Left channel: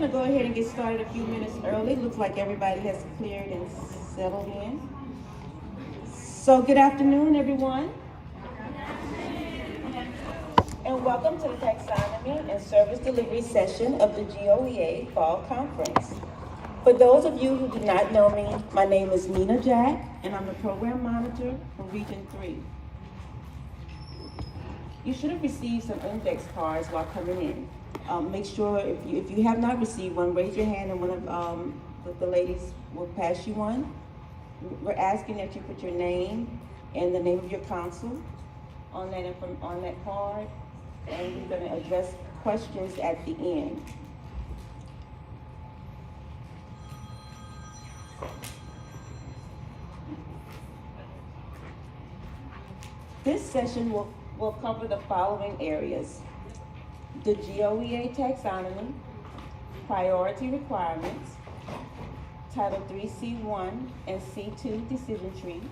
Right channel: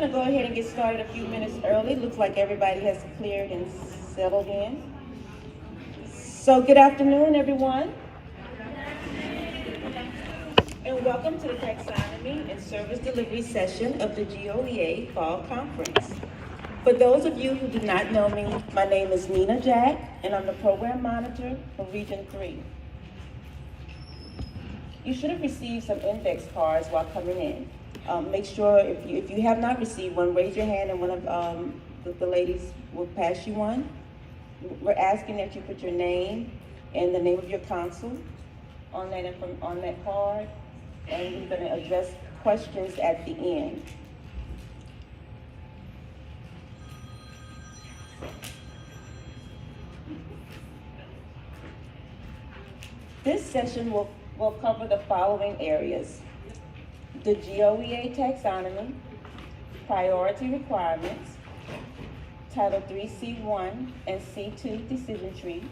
going to go ahead and get started a few minutes early. Looks like everybody has cleared and settled in. So good afternoon, everyone. And welcome to the Taxonomy and Service Delivery session of the GOEA Fall Conference. For those of you who do not know me, my name is Nina Jack, and I'm the Program Monitor for Region 3. You should have received some index cards while coming in. Make sure if you have not received one, raise your hand and one of the ladies will pass you one. We're asking that you put your name and the name of your council on that card, and we're going to address questions at the end. This session will cover the following areas: the GOEA taxonomy, priority requirements, Title III C1 and C2 decision tree,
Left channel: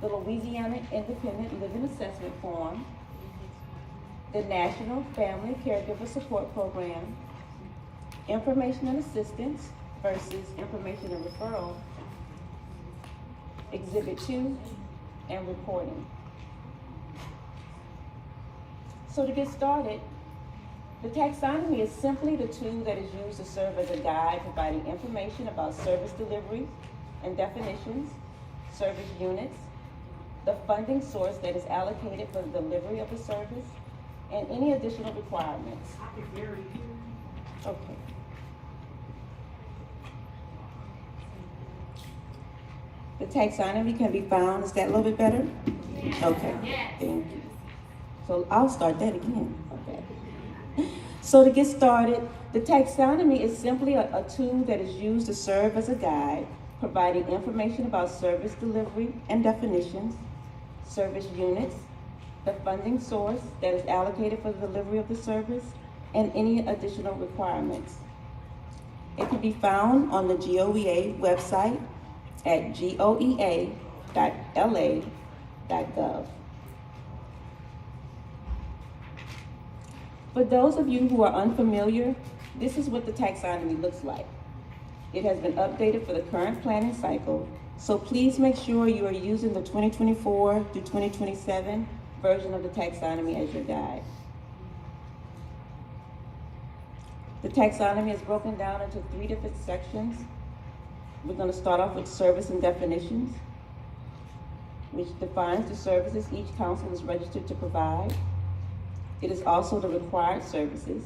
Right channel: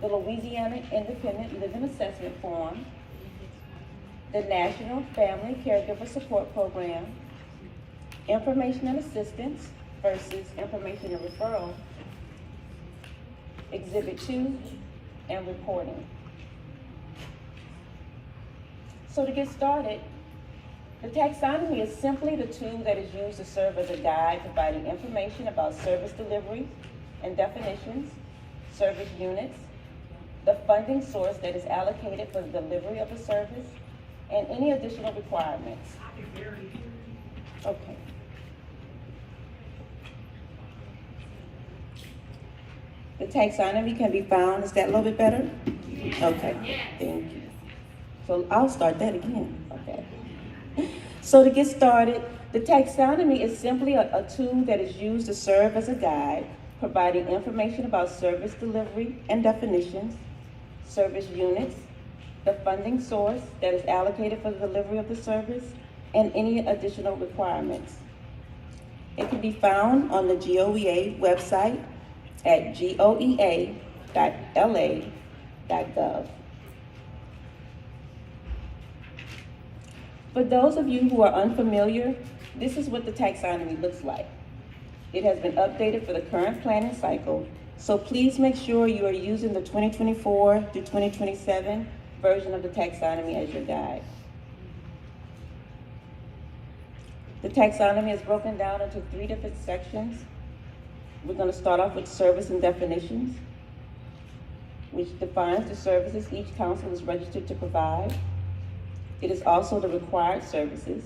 the Louisiana Independent Living Assessment Form, the National Family Caregiver Support Program, information and assistance versus information and referral, Exhibit 2, and reporting. So to get started, the taxonomy is simply the tool that is used to serve as a guide providing information about service delivery and definitions, service units, the funding source that is allocated for the delivery of the service, and any additional requirements. Okay. The taxonomy can be found, is that a little bit better? Okay, thank you. So I'll start that again. Okay. So to get started, the taxonomy is simply a tool that is used to serve as a guide, providing information about service delivery and definitions, service units, the funding source that is allocated for the delivery of the service, and any additional requirements. It can be found on the GOEA website at goea.la.gov. For those of you who are unfamiliar, this is what the taxonomy looks like. It has been updated for the current planning cycle, so please make sure you are using the 2024 to 2027 version of the taxonomy as your guide. The taxonomy is broken down into 3 different sections. We're going to start off with service and definitions, which defines the services each council is registered to provide. It is also the required services.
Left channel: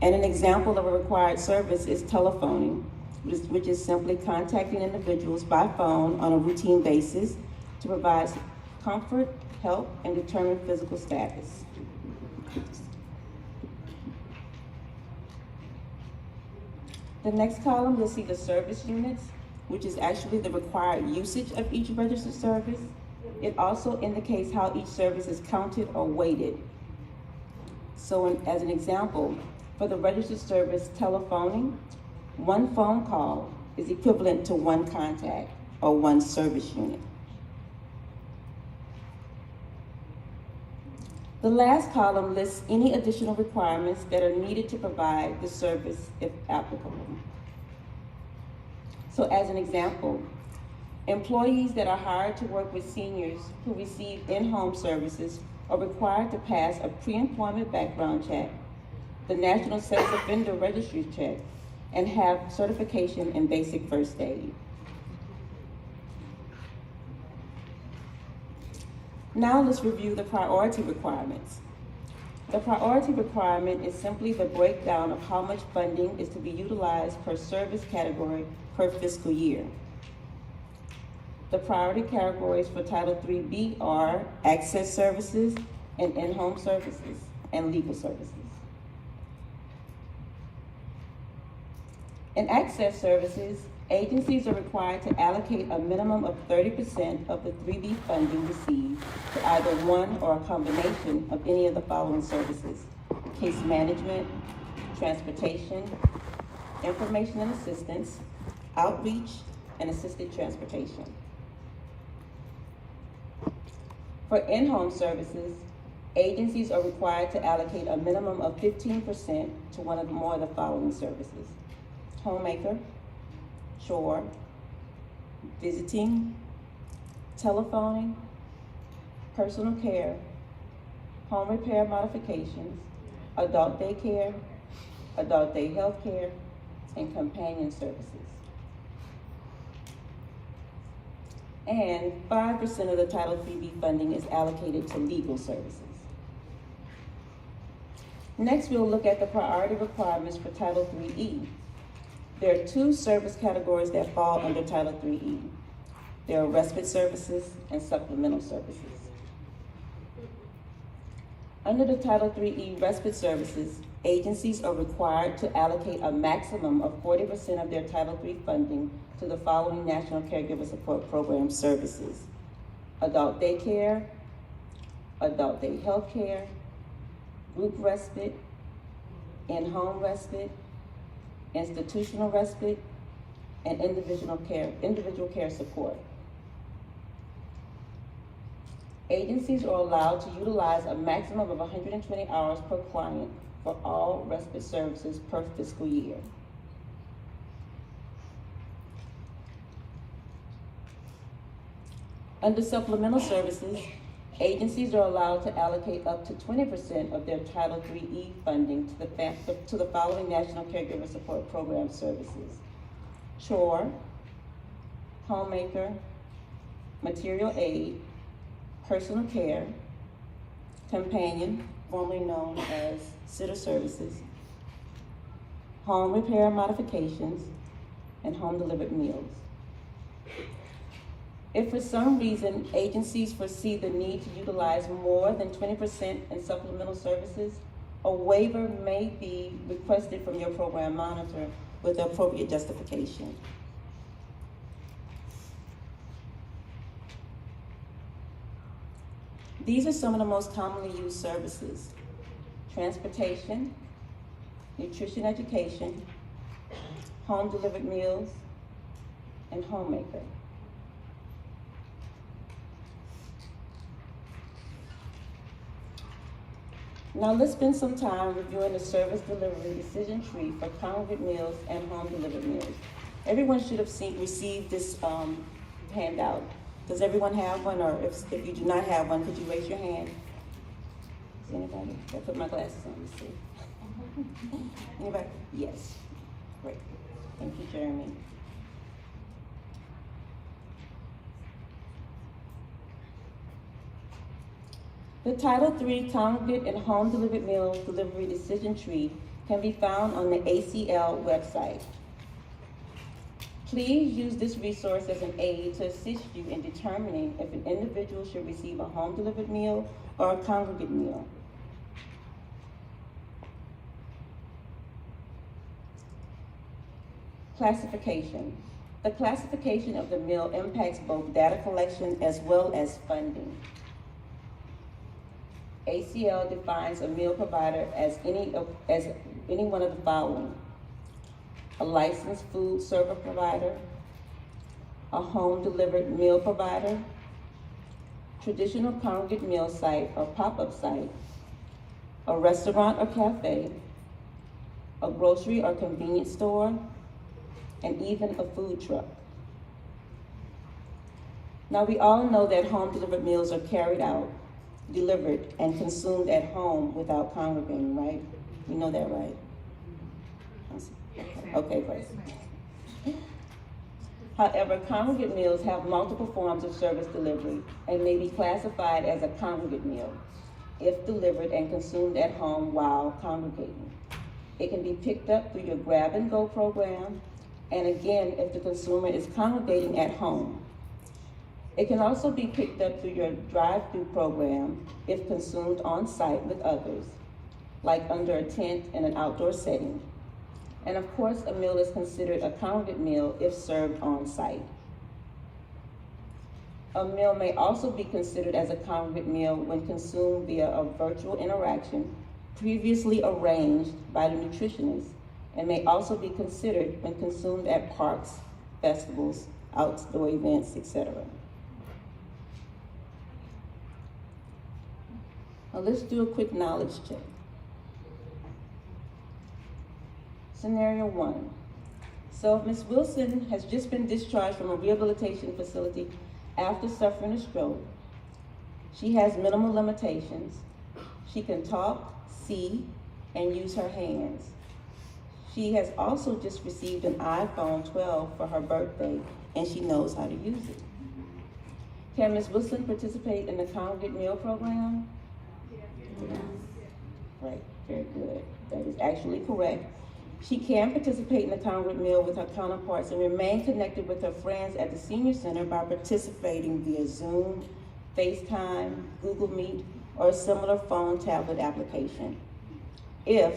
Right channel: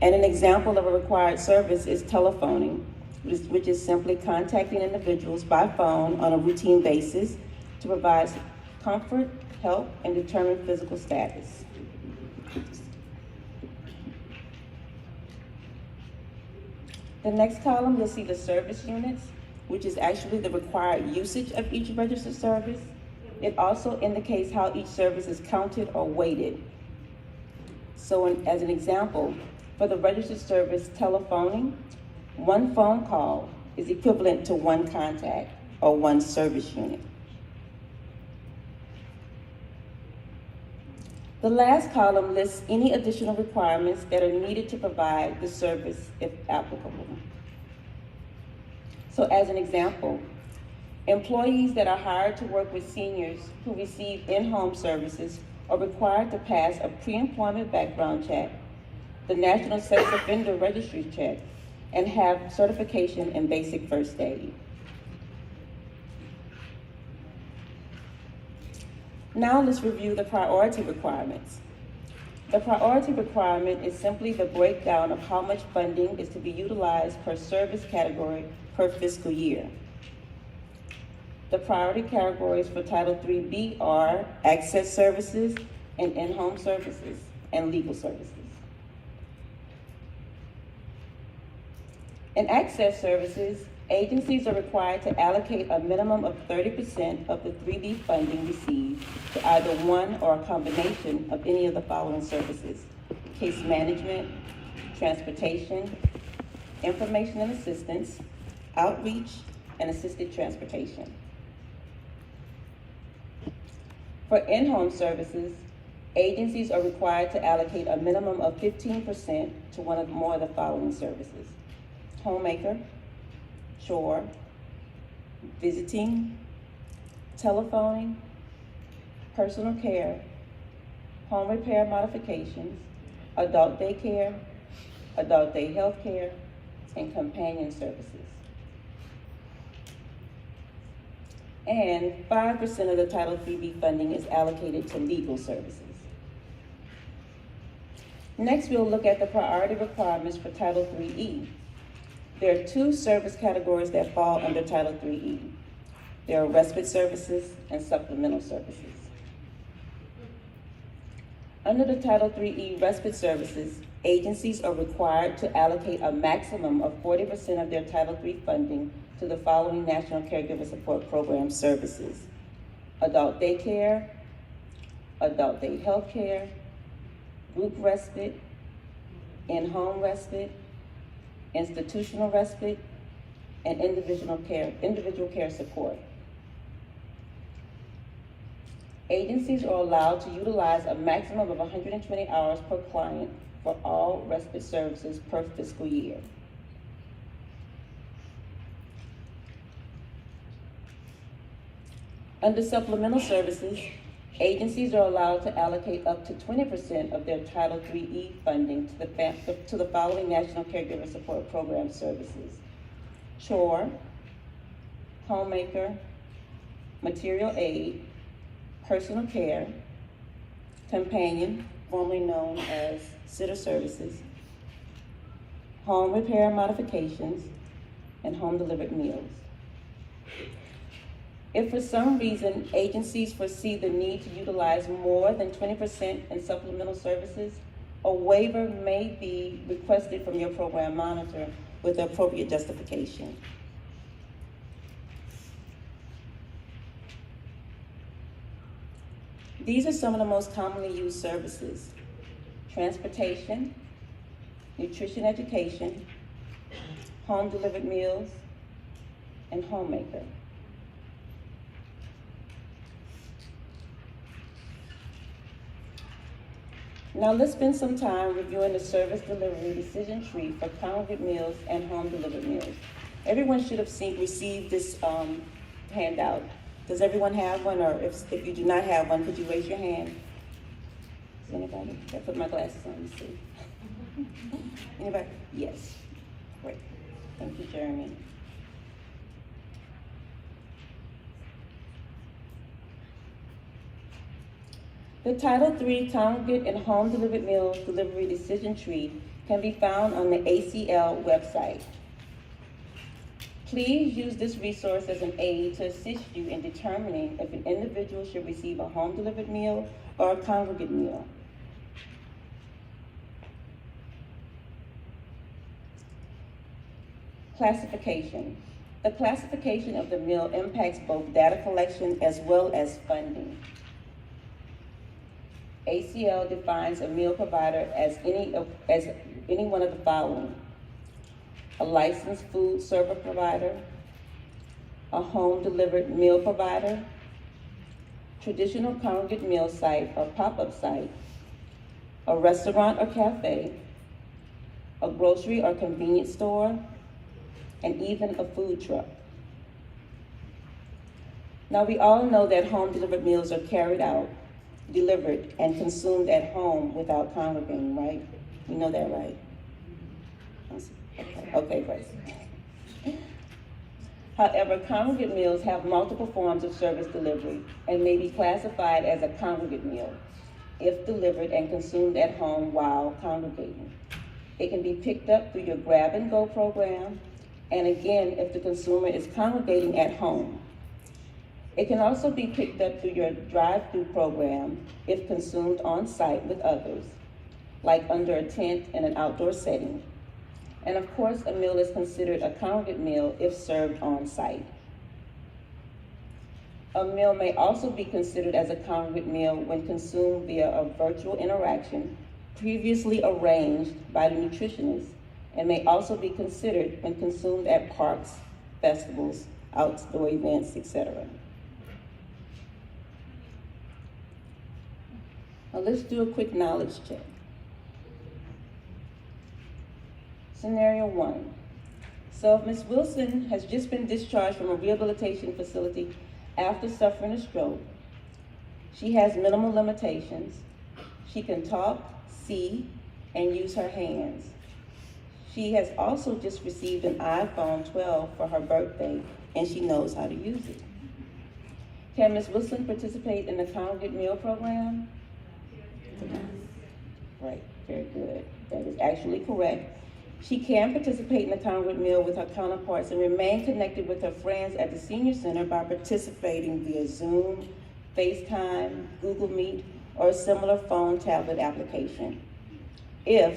And an example of a required service is telephoning, which is simply contacting individuals by phone on a routine basis to provide comfort, help, and determine physical status. The next column, you'll see the service units, which is actually the required usage of each registered service. It also indicates how each service is counted or weighted. So as an example, for the registered service telephoning, 1 phone call is equivalent to 1 contact or 1 service unit. The last column lists any additional requirements that are needed to provide the service if applicable. So as an example, employees that are hired to work with seniors who receive in-home services are required to pass a pre-employment background check, the National Sex Offender Registry check, and have certification in basic first aid. Now let's review the priority requirements. The priority requirement is simply the breakdown of how much funding is to be utilized per service category per fiscal year. The priority categories for Title IIIB are access services and in-home services and legal services. In access services, agencies are required to allocate a minimum of 30% of the 3B funding received to either one or a combination of any of the following services: case management, transportation, information and assistance, outreach, and assisted transportation. For in-home services, Agencies are required to allocate a minimum of 15% to one or more of the following services: homemaker, chore, visiting, telephoning, personal care, home repair modifications, adult daycare, adult day health care, and companion services. And 5% of the Title IIIB funding is allocated to legal services. Next, we'll look at the priority requirements for Title IIIE. There are two service categories that fall under Title IIIE. There are respite services and supplemental services. Under the Title IIIE respite services, agencies are required to allocate a maximum of 40% of their Title III funding to the following National Caregiver Support Program services: adult daycare, adult day health care, group respite, in-home respite, institutional respite, and individual care support. Agencies are allowed to utilize a maximum of 120 hours per client for all respite services per fiscal year. Under supplemental services, agencies are allowed to allocate up to 20% of their Title IIIE funding to the following National Caregiver Support Program services: chore, homemaker, material aid, personal care, companion, formerly known as sitter services, home repair modifications, and home delivered meals. If for some reason agencies foresee the need to utilize more than 20% in supplemental services, a waiver may be requested from your program monitor with the appropriate justification. These are some of the most commonly used services: transportation, nutrition education, home delivered meals, and homemaker. Now let's spend some time reviewing the service delivery decision tree for congregate meals and home delivered meals. Everyone should have received this handout. Does everyone have one, or if you do not have one, could you raise your hand? Does anybody? I put my glasses on, let's see. Anybody? Yes. Great. Thank you, Jeremy. The Title III Congregate and Home Delivered Meals Delivery Decision Tree can be found on the ACL website. Please use this resource as an aid to assist you in determining if an individual should receive a home delivered meal or a congregate meal. Classification. The classification of the meal impacts both data collection as well as funding. ACL defines a meal provider as any one of the following: a licensed food server provider, a home delivered meal provider, traditional congregate meal site or pop-up site, a restaurant or cafe, a grocery or convenience store, and even a food truck. Now, we all know that home delivered meals are carried out, delivered, and consumed at home without congregating, right? You know that, right? Okay, great. However, congregate meals have multiple forms of service delivery and may be classified as a congregate meal if delivered and consumed at home while congregating. It can be picked up through your grab and go program, and again, if the consumer is congregating at home. It can also be picked up through your drive-through program if consumed on site with others, like under a tent in an outdoor setting. And of course, a meal is considered a congregate meal if served on site. A meal may also be considered as a congregate meal when consumed via a virtual interaction previously arranged by the nutritionist, and may also be considered when consumed at parks, festivals, outdoor events, etc. Now let's do a quick knowledge check. Scenario 1. So if Ms. Wilson has just been discharged from a rehabilitation facility after suffering a stroke, she has minimal limitations. She can talk, see, and use her hands. She has also just received an iPhone 12 for her birthday, and she knows how to use it. Can Ms. Wilson participate in the congregate meal program? Yes. Right, very good. That is actually correct. She can participate in the congregate meal with her counterparts and remain connected with her friends at the senior center by participating via Zoom, FaceTime, Google Meet, or a similar phone tablet application. If,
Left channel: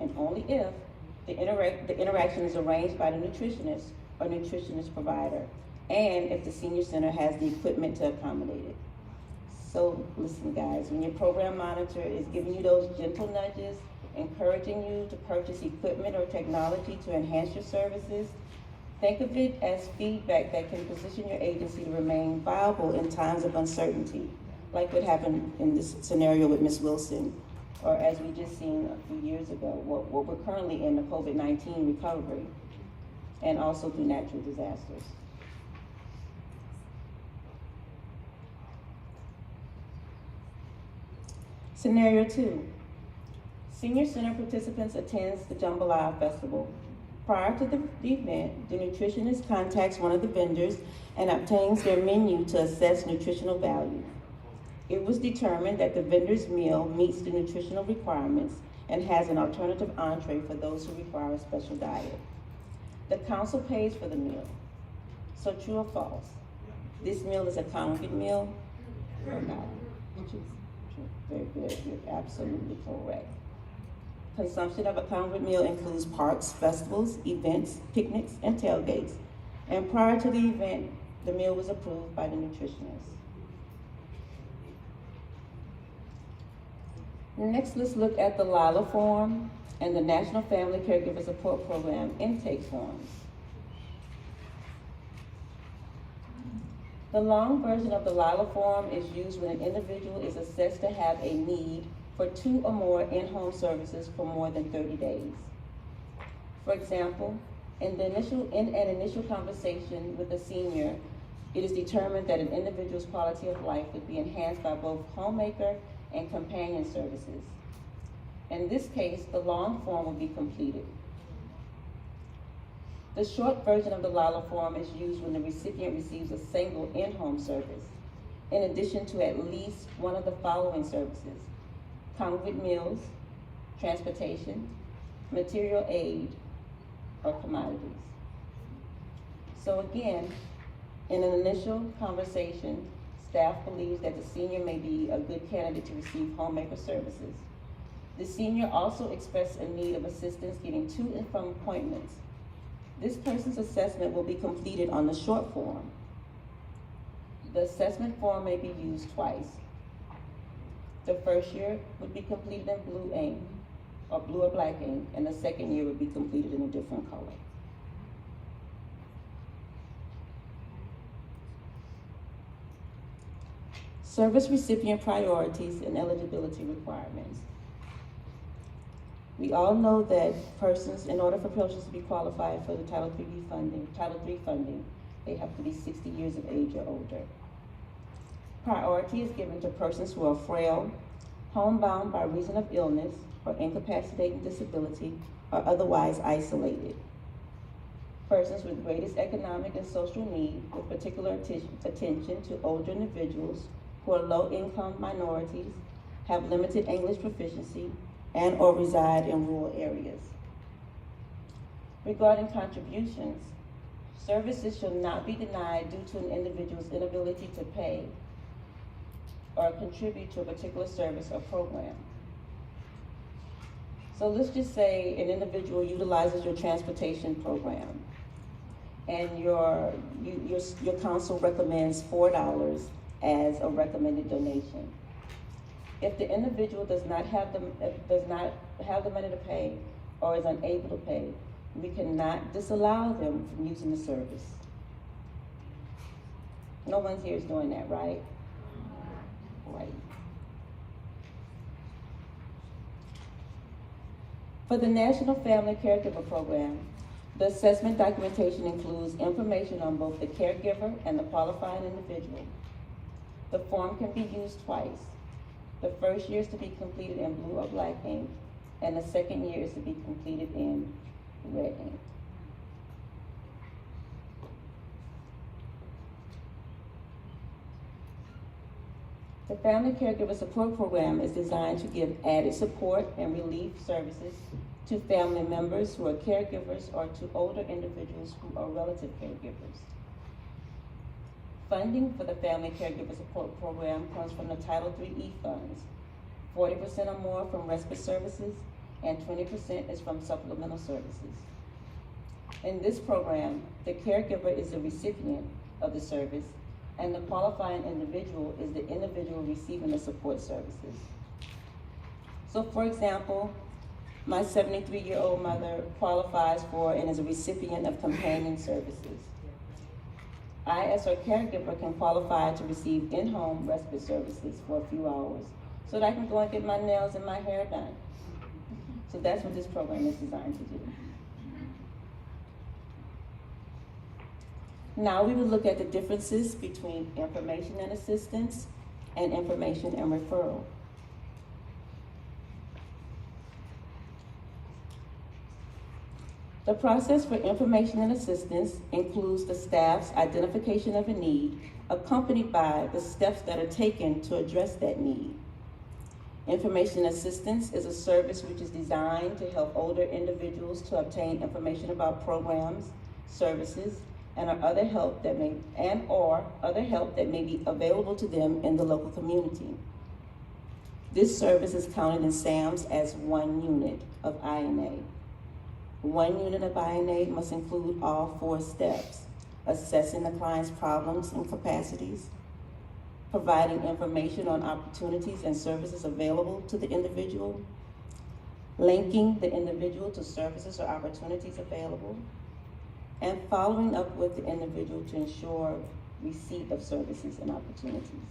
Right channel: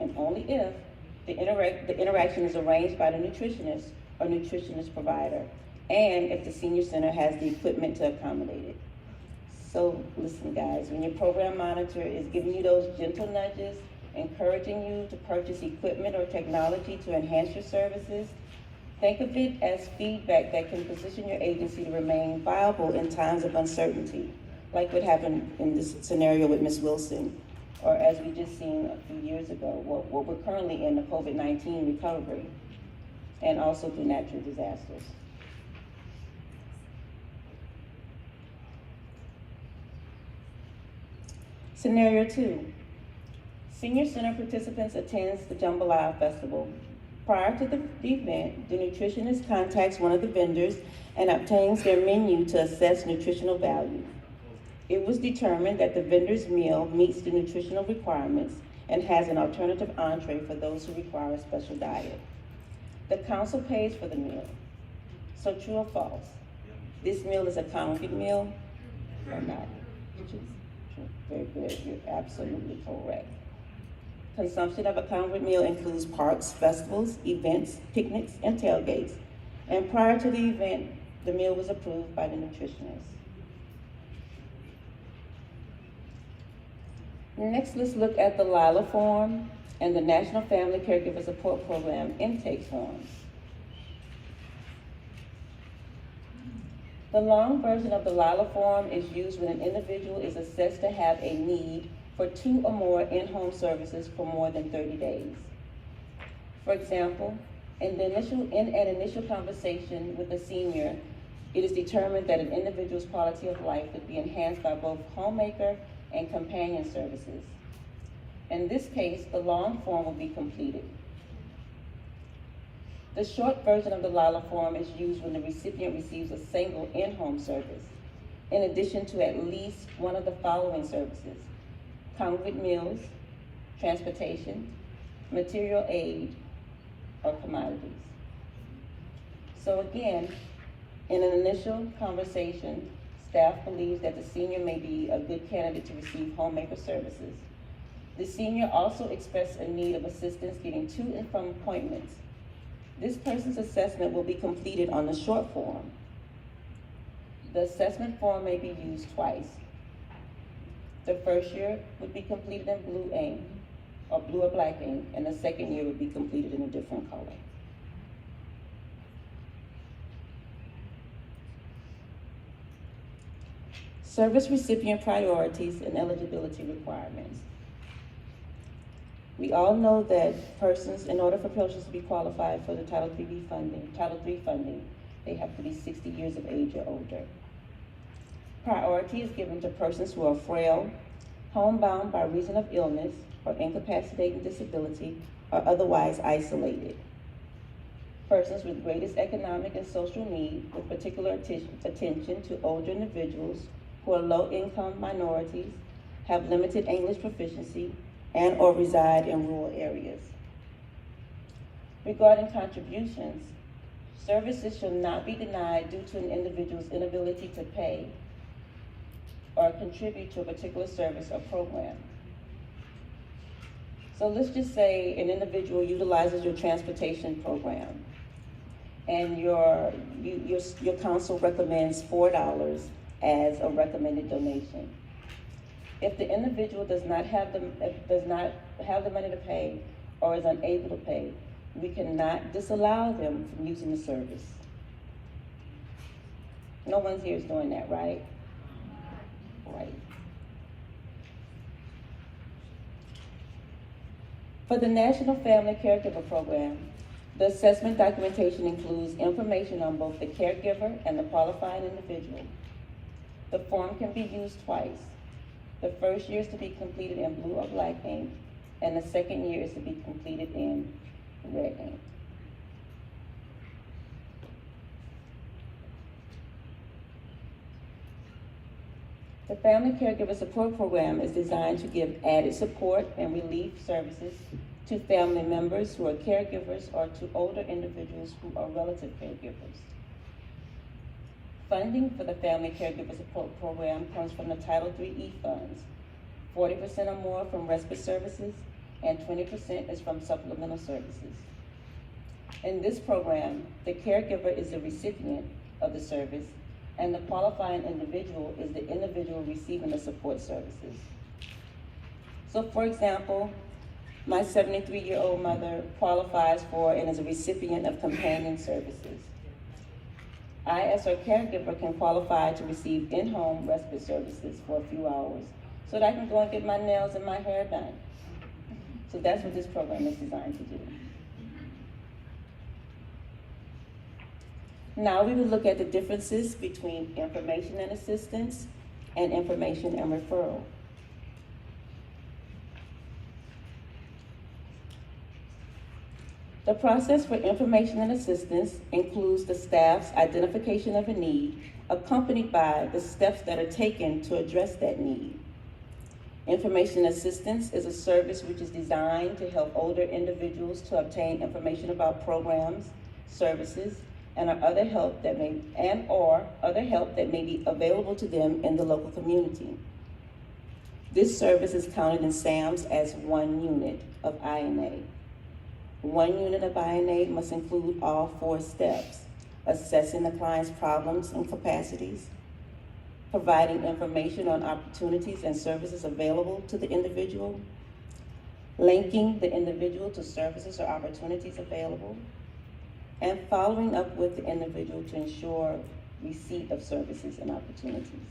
and only if, the interaction is arranged by the nutritionist or nutritionist provider, and if the senior center has the equipment to accommodate it. So listen guys, when your program monitor is giving you those gentle nudges, encouraging you to purchase equipment or technology to enhance your services, think of it as feedback that can position your agency to remain viable in times of uncertainty, like what happened in this scenario with Ms. Wilson, or as we just seen a few years ago, what we're currently in, the COVID-19 recovery, and also through natural disasters. Scenario 2. Senior Center participants attends the Jambalaya Festival. Prior to the event, the nutritionist contacts one of the vendors and obtains their menu to assess nutritional value. It was determined that the vendor's meal meets the nutritional requirements and has an alternative entree for those who require a special diet. The council pays for the meal. So true or false? This meal is a congregate meal or not? True. Very good, you're absolutely correct. Consumption of a congregate meal includes parks, festivals, events, picnics, and tailgates. And prior to the event, the meal was approved by the nutritionist. Next, let's look at the LILA form and the National Family Caregiver Support Program intake forms. The long version of the LILA form is used when an individual is assessed to have a need for 2 or more in-home services for more than 30 days. For example, in an initial conversation with a senior, it is determined that an individual's quality of life would be enhanced by both homemaker and companion services. In this case, the long form will be completed. The short version of the LILA form is used when the recipient receives a single in-home service, in addition to at least one of the following services: congregate meals, transportation, material aid, or commodities. So again, in an initial conversation, staff believes that the senior may be a good candidate to receive homemaker services. The senior also expressed a need of assistance getting to and from appointments. This person's assessment will be completed on the short form. The assessment form may be used twice. The first year would be completed in blue ink, or blue or black ink, and the second year would be completed in a different color. Service recipient priorities and eligibility requirements. We all know that persons, in order for persons to be qualified for the Title III funding, they have to be 60 years of age or older. Priority is given to persons who are frail, homebound by reason of illness or incapacitating disability, or otherwise isolated. Persons with greatest economic and social need, with particular attention to older individuals who are low-income minorities, have limited English proficiency, and or reside in rural areas. Regarding contributions, services shall not be denied due to an individual's inability to pay or contribute to a particular service or program. So let's just say an individual utilizes your transportation program, and your council recommends $4 as a recommended donation. If the individual does not have the money to pay or is unable to pay, we cannot disallow them from using the service. No one here is doing that, right? Right. For the National Family Caregiver Program, the assessment documentation includes information on both the caregiver and the qualifying individual. The form can be used twice. The first year is to be completed in blue or black ink, and the second year is to be completed in red ink. The Family Caregiver Support Program is designed to give added support and relief services to family members who are caregivers or to older individuals who are relative caregivers. Funding for the Family Caregiver Support Program comes from the Title III funds. 40% or more from respite services, and 20% is from supplemental services. In this program, the caregiver is the recipient of the service, and the qualifying individual is the individual receiving the support services. So for example, my 73-year-old mother qualifies for and is a recipient of companion services. I, as her caregiver, can qualify to receive in-home respite services for a few hours so that I can go and get my nails and my hair done. So that's what this program is designed to do. Now we will look at the differences between information and assistance and information and referral. The process for information and assistance includes the staff's identification of a need, accompanied by the steps that are taken to address that need. Information assistance is a service which is designed to help older individuals to obtain information about programs, services, and other help that may be available to them in the local community. This service is counted in SAMS as one unit of INA. One unit of INA must include all 4 steps: assessing the client's problems and capacities, providing information on opportunities and services available to the individual, linking the individual to services or opportunities available, and following up with the individual to ensure receipt of services and opportunities.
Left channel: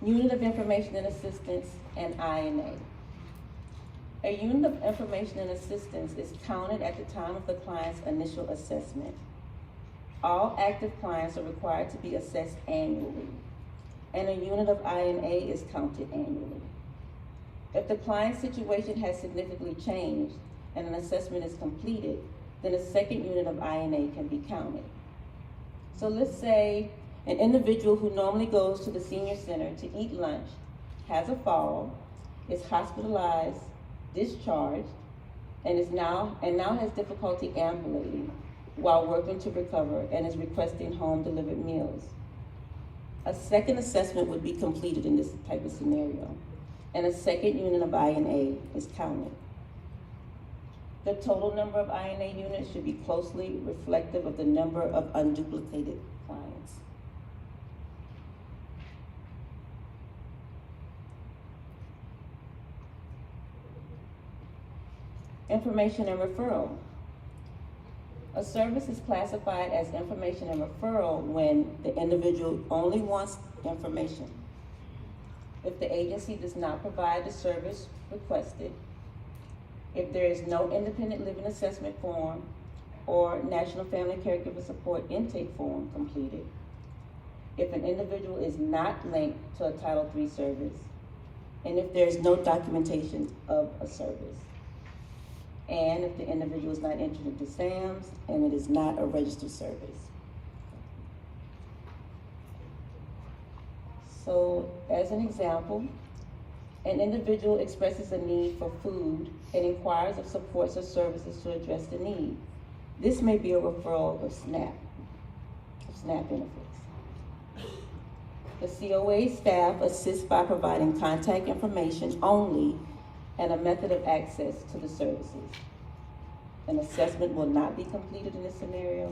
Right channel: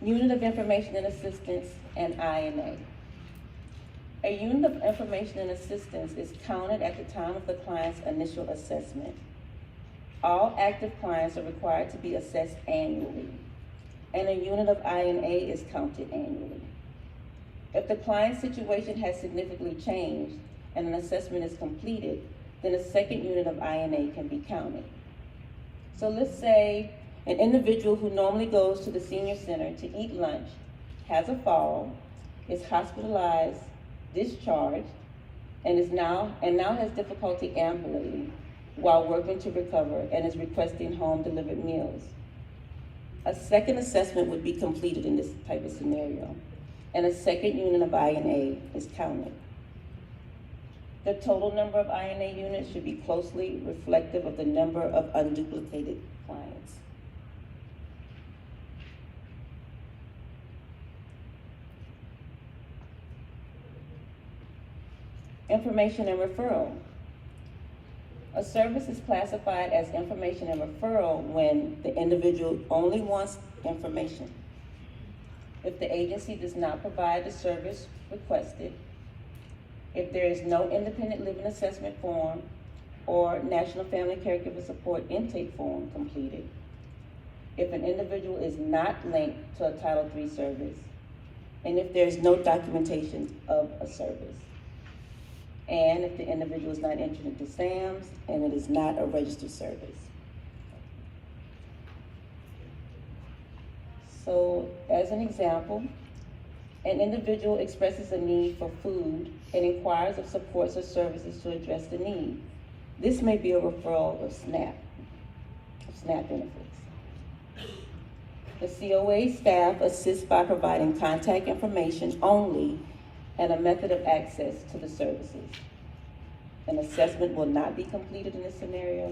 Unit of Information and Assistance and INA. A unit of information and assistance is counted at the time of the client's initial assessment. All active clients are required to be assessed annually, and a unit of INA is counted annually. If the client's situation has significantly changed and an assessment is completed, then a second unit of INA can be counted. So let's say an individual who normally goes to the senior center to eat lunch has a fall, is hospitalized, discharged, and now has difficulty ambulating while working to recover and is requesting home delivered meals. A second assessment would be completed in this type of scenario, and a second unit of INA is counted. The total number of INA units should be closely reflective of the number of unduplicated clients. Information and referral. A service is classified as information and referral when the individual only wants information. If the agency does not provide the service requested, if there is no independent living assessment form or National Family Caregiver Support intake form completed, if an individual is not linked to a Title III service, and if there is no documentation of a service, and if the individual is not entered into SAMS and it is not a registered service. So, as an example, an individual expresses a need for food and inquires of supports or services to address the need. This may be a referral of SNAP benefits. The COA staff assists by providing contact information only and a method of access to the services. An assessment will not be completed in this scenario,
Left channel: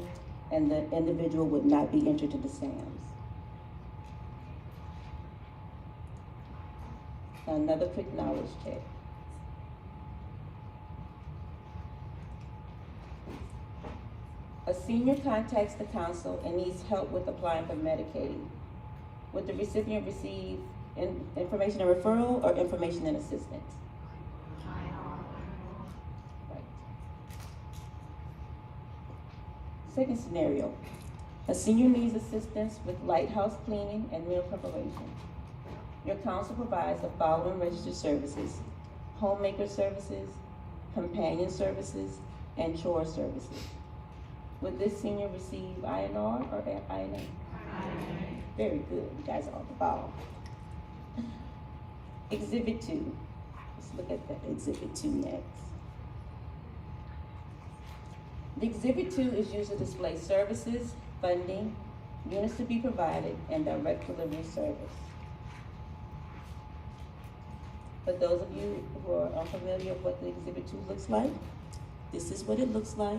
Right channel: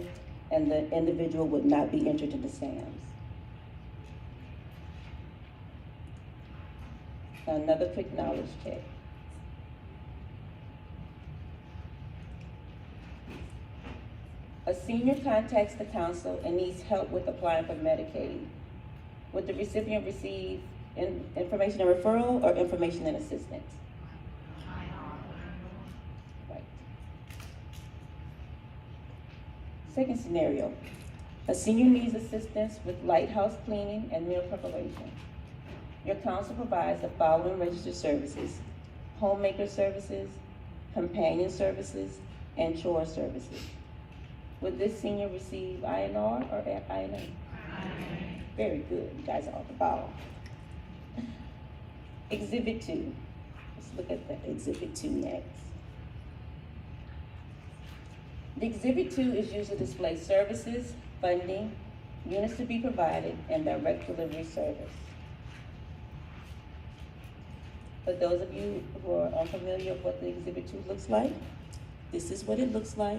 and the individual would not be entered into SAMS. Another quick knowledge check. A senior contacts the council and needs help with applying for Medicaid. Would the recipient receive information and referral or information and assistance? Right. Second scenario. A senior needs assistance with lighthouse cleaning and meal preparation. Your council provides the following registered services: homemaker services, companion services, and chore services. Would this senior receive INR or INA? Very good, you guys are on the ball. Exhibit 2. Let's look at the Exhibit 2 next. The Exhibit 2 is used to display services, funding, units to be provided, and direct delivery service. For those of you who are unfamiliar with what the Exhibit 2 looks like, this is what it looks like.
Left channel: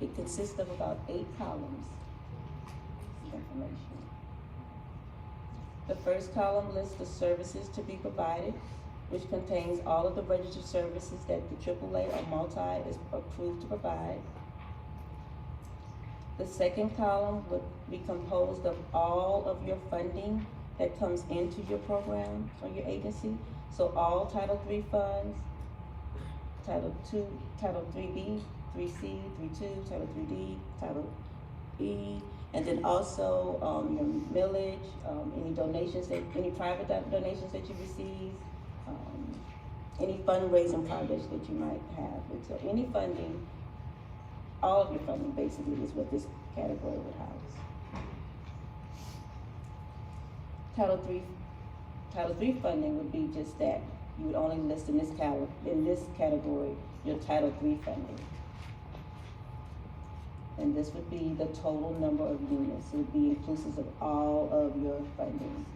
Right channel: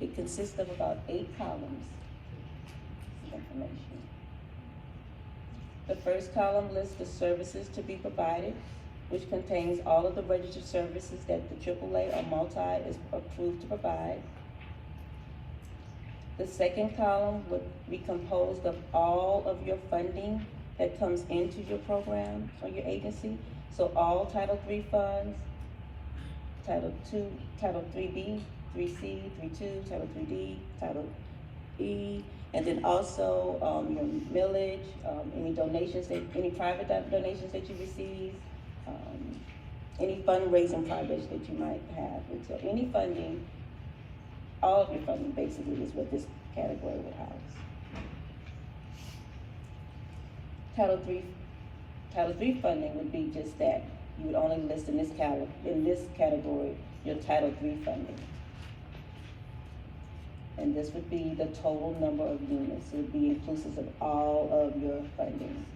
It consists of about 8 columns of information. The first column lists the services to be provided, which contains all of the registered services that the AAA or multi is approved to provide. The second column would be composed of all of your funding that comes into your program or your agency. So all Title III funds, Title 3B, 3C, 32, Title 3D, Title E, and then also your millage, any donations, any private donations that you receive, any fundraising projects that you might have. And so any funding, all of your funding basically is what this category would house. Title III funding would be just that. You would only list in this category your Title III funding. And this would be the total number of units. It would be inclusive of all of your funding.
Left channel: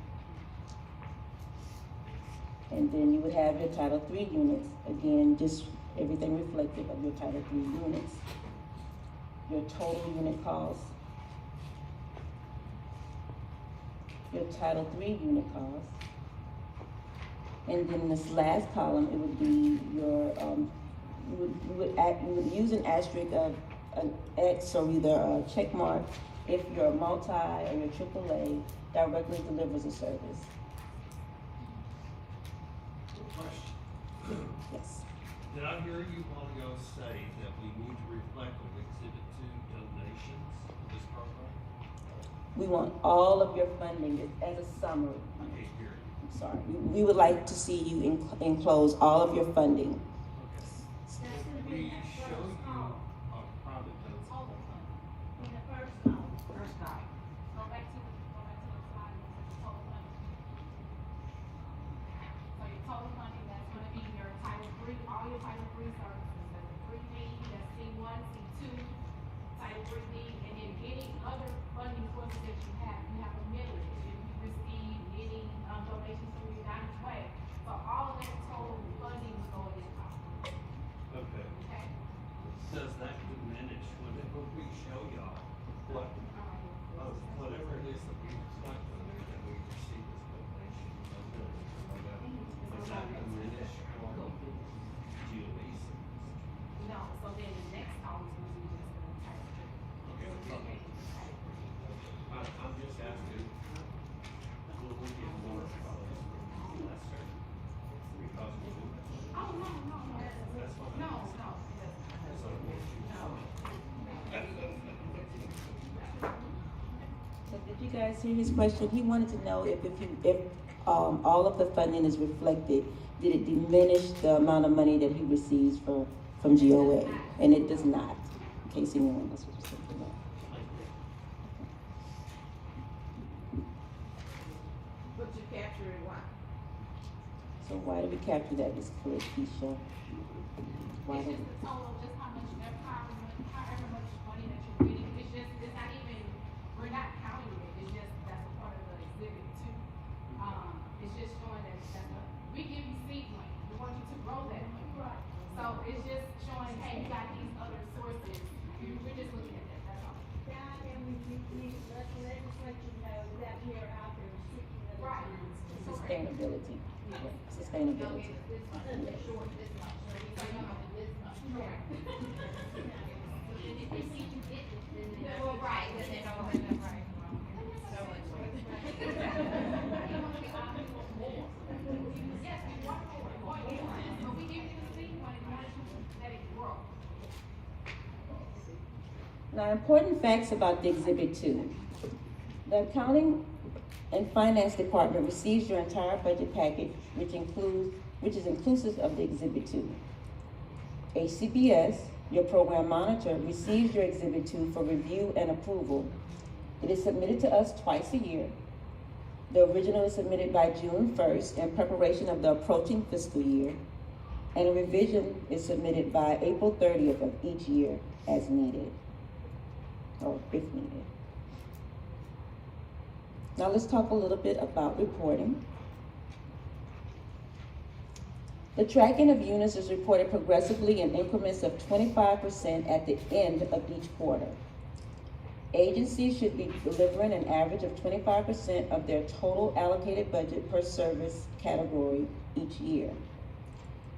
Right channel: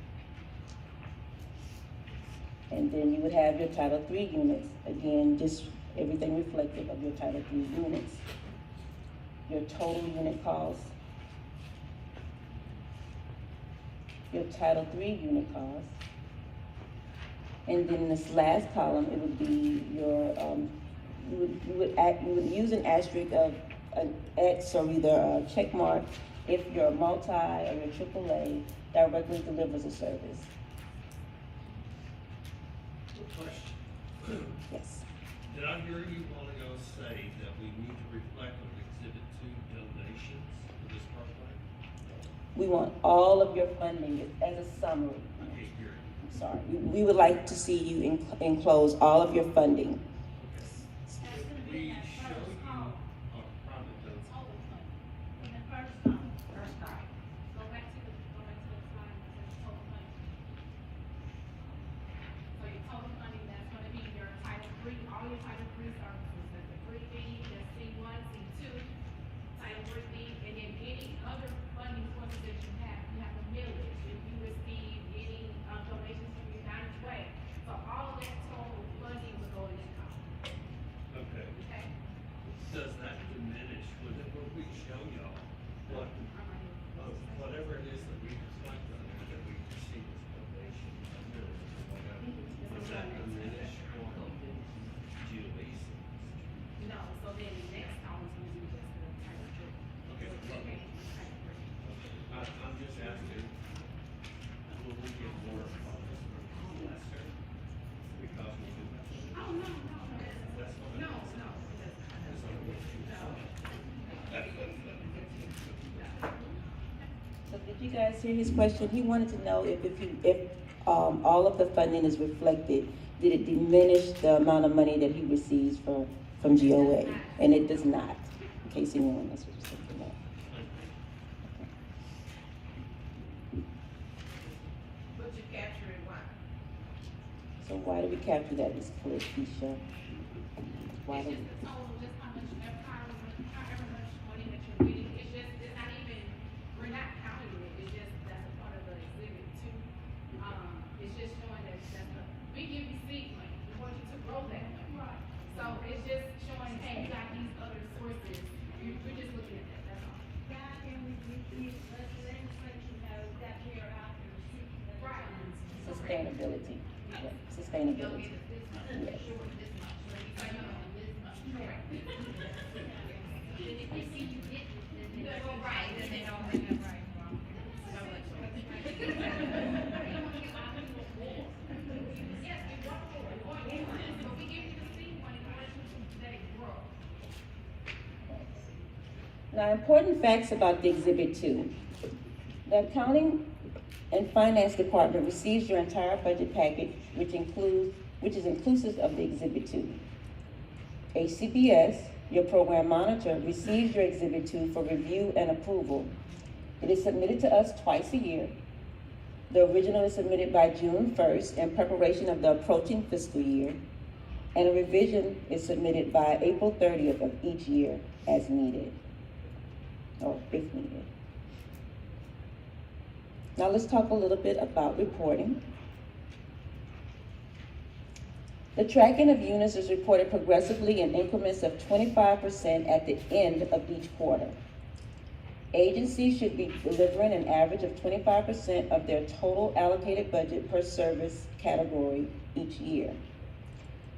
And then you would have your Title III units. Again, just everything reflective of your Title III units. Your total unit cost. Your Title III unit cost. And then this last column, it would be your, you would use an asterisk of an X or either a check mark if your multi or your AAA directly delivers a service. Good question. Yes. Did I hear you a while ago say that we need to reflect on Exhibit 2 donations for this program? We want all of your funding as a summary. I can't hear you. I'm sorry. We would like to see you enclose all of your funding. We show you on private notes. Hold it. In the first column. Go back to the slide that says total funding. So your total funding, that's gonna be your Title III, all your Title III services, that's 3B, that's C1, C2, Title 3B, and then any other funding sources that you have. You have a millage, if you receive any donations from your United Way. So all of that total funding will go in this column. Okay. Okay? Does that diminish whenever we show y'all what, whatever it is that we reflect on there that we receive as donation, whatever? Does that diminish what GOE sees? No, so then the next column is gonna be just the Title III. Okay. Okay, Title III. I'm just asking, will we get more of this? Yes, sir. Because we do have. Oh, no, That's what I'm. no, no, it does not. That's what I'm going to. So did you guys hear his question? He wanted to know if all of the funding is reflected, did it diminish the amount of money that he receives from GOA? And it does not, in case anyone else was just thinking that. But you capture it why? So why do we capture that, Ms. Keisha? Why It's do just the total, just how much, however much money that you're getting, it's not even, we're not counting it, it's just, that's a part of the exhibit too. It's just showing that we give you seed money, we want you to grow that money. Right. So it's just showing, hey, you got these other sources, we're just looking at that, that's all. Yeah, and we let the legislature know that we are out there seeking those Right. funds. sustainability? Yeah, You'll sustainability. get this much, short this much, so you know this much. Correct. Then if they see you get, then they. Well, right, then they don't, right. Now, important facts about the Exhibit 2. The Accounting and Finance Department receives your entire budget package, which is inclusive of the Exhibit 2. HCBS, your program monitor, receives your Exhibit 2 for review and approval. It is submitted to us twice a year. The original is submitted by June 1st in preparation of the approaching fiscal year, and a revision is submitted by April 30th of each year as needed, or if needed. Now let's talk a little bit about reporting. The tracking of units is reported progressively in increments of 25% at the end of each quarter. Agencies should be delivering an average of 25% of their total allocated budget per service category each year.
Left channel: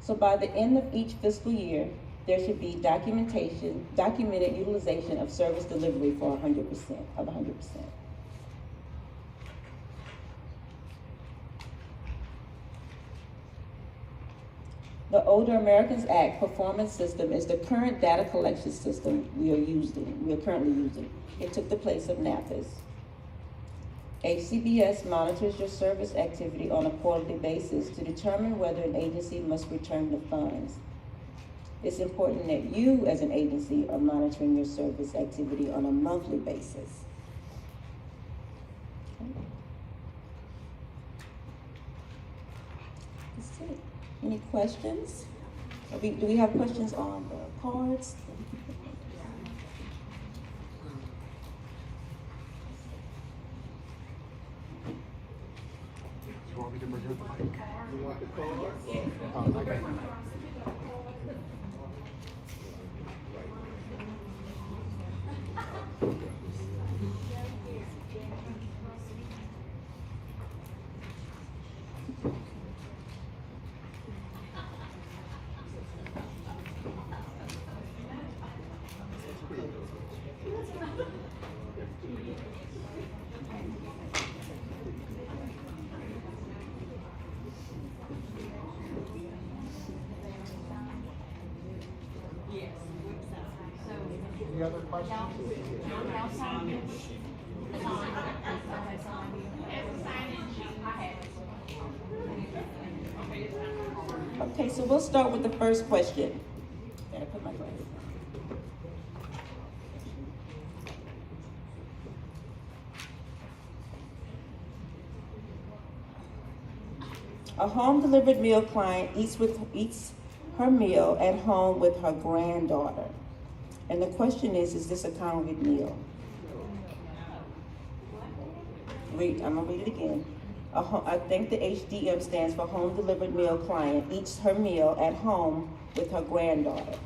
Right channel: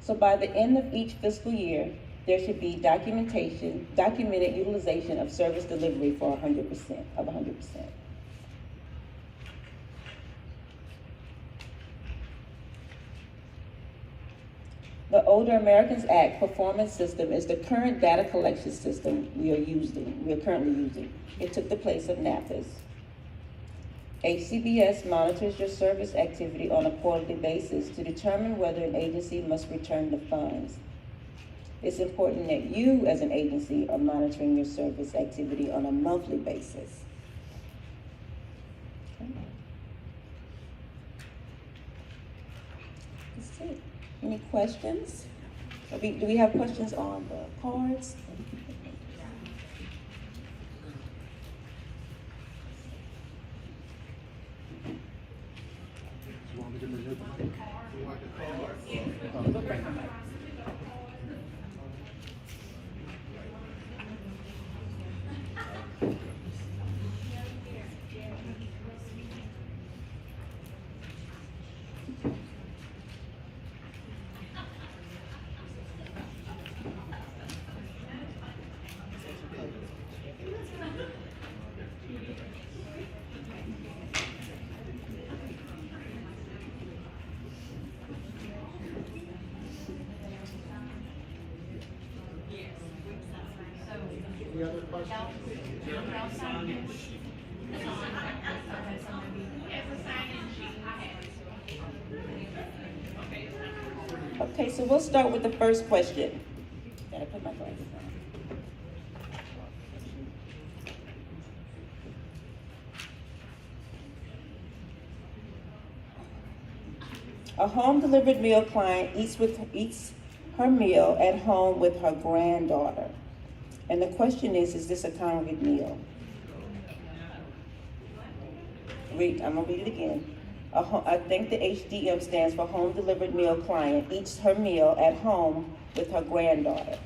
So by the end of each fiscal year, there should be documented utilization of service delivery for 100%. The Older Americans Act performance system is the current data collection system we are currently using. It took the place of NAPIS. HCBS monitors your service activity on a quarterly basis to determine whether an agency must return the funds. It's important that you, as an agency, are monitoring your service activity on a monthly basis. That's it. Any questions? Do we have questions on the cards? You want me to bring it the mic? You want the card? Oh, okay. Any other questions? Okay, so we'll start with the first question. Gotta put my glasses on. A home delivered meal client eats her meal at home with her granddaughter. And the question is this a congregate meal? I'm gonna read it again. I think the HDM stands for home delivered meal client eats her meal at home with her granddaughter.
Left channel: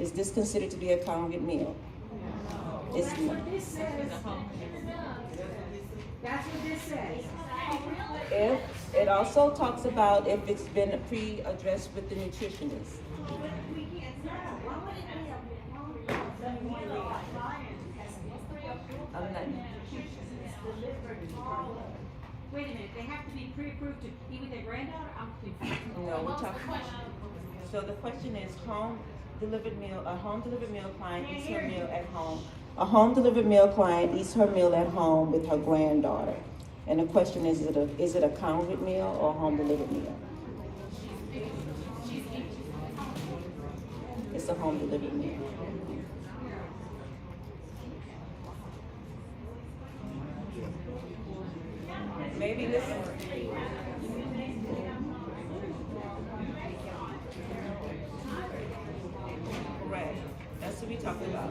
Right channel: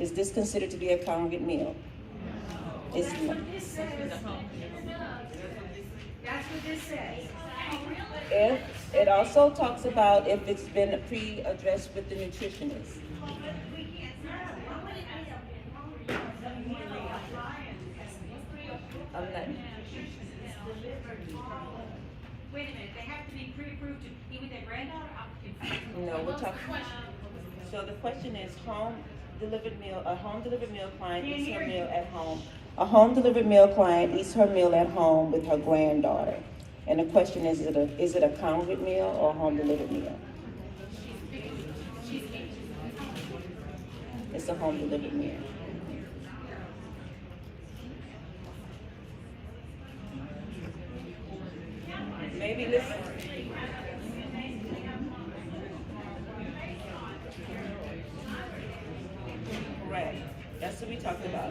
Is this considered to be a congregate meal? It's That's not. what this says. That's what this says. If it also talks about if it's been pre-addressed with the nutritionist. I'm not. Wait a minute, they have to be pre-approved to be with their granddaughter? I'm confused. No, we're talking. So the question is a home delivered meal client eats her meal at home. A home delivered meal client eats her meal at home with her granddaughter. And the question is it a congregate meal or a home delivered meal? It's a home delivered meal. Maybe listen. Correct. That's what we talked about.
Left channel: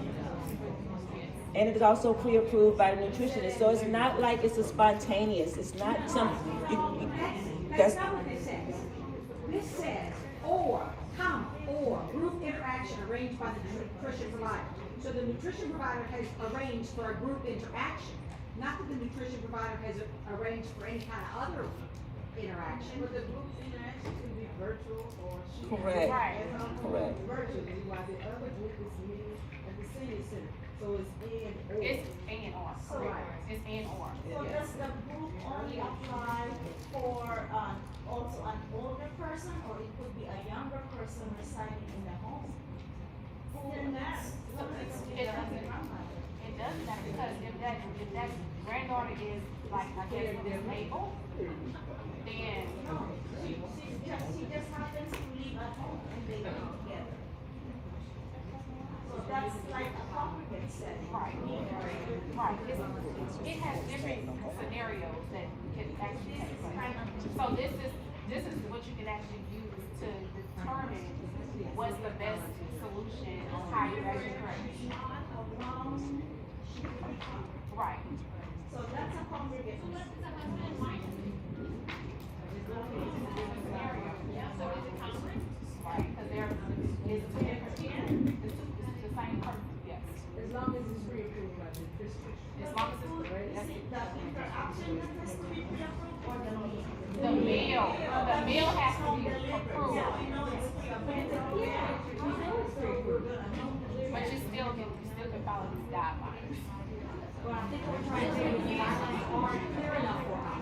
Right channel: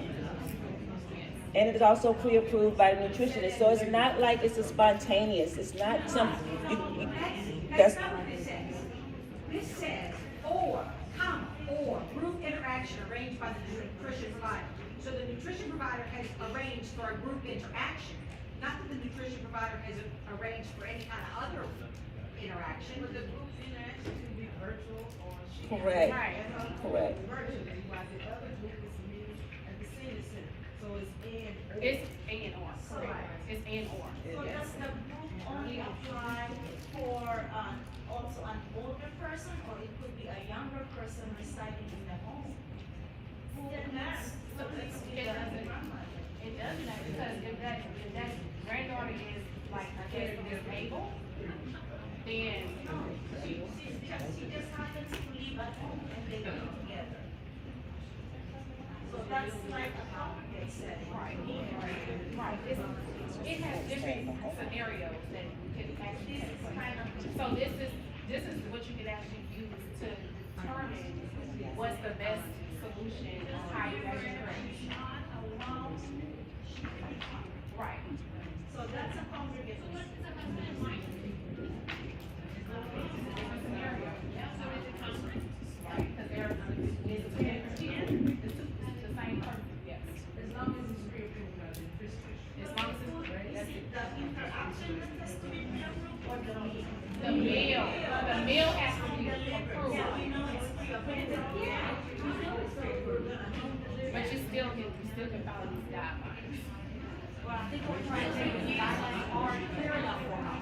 And it's also pre-approved by the nutritionist. So it's not like it's a spontaneous. It's not some. That's not what this says. This says, or group interaction arranged by the nutrition provider. So the nutrition provider has arranged for a group interaction. Not that the nutrition provider has arranged for any kind of other interaction. But the group interaction could be virtual or she. Correct. Right. Correct. Virtually, while the other group is meeting at the senior center. So it's and or. It's and or. Correct. It's and or. So does the group only apply for also an older person, or it could be a younger person residing in the home? Who needs It doesn't. So this is what you can actually use to determine what's the best solution of how you actually currently. Right. So that's a congregation. Right, because they're, it's the same person, yes. As long as it's pre-approved by the district. As long as it's, that's it. The interaction that has to be pre-approved or the meal? The meal has to be approved. Yeah, we know it's pre-approved. Yeah, we know it's pre-approved, but I know the But you still can follow these guidelines. Well, I think we're trying to make the guidelines hard and clear enough for us.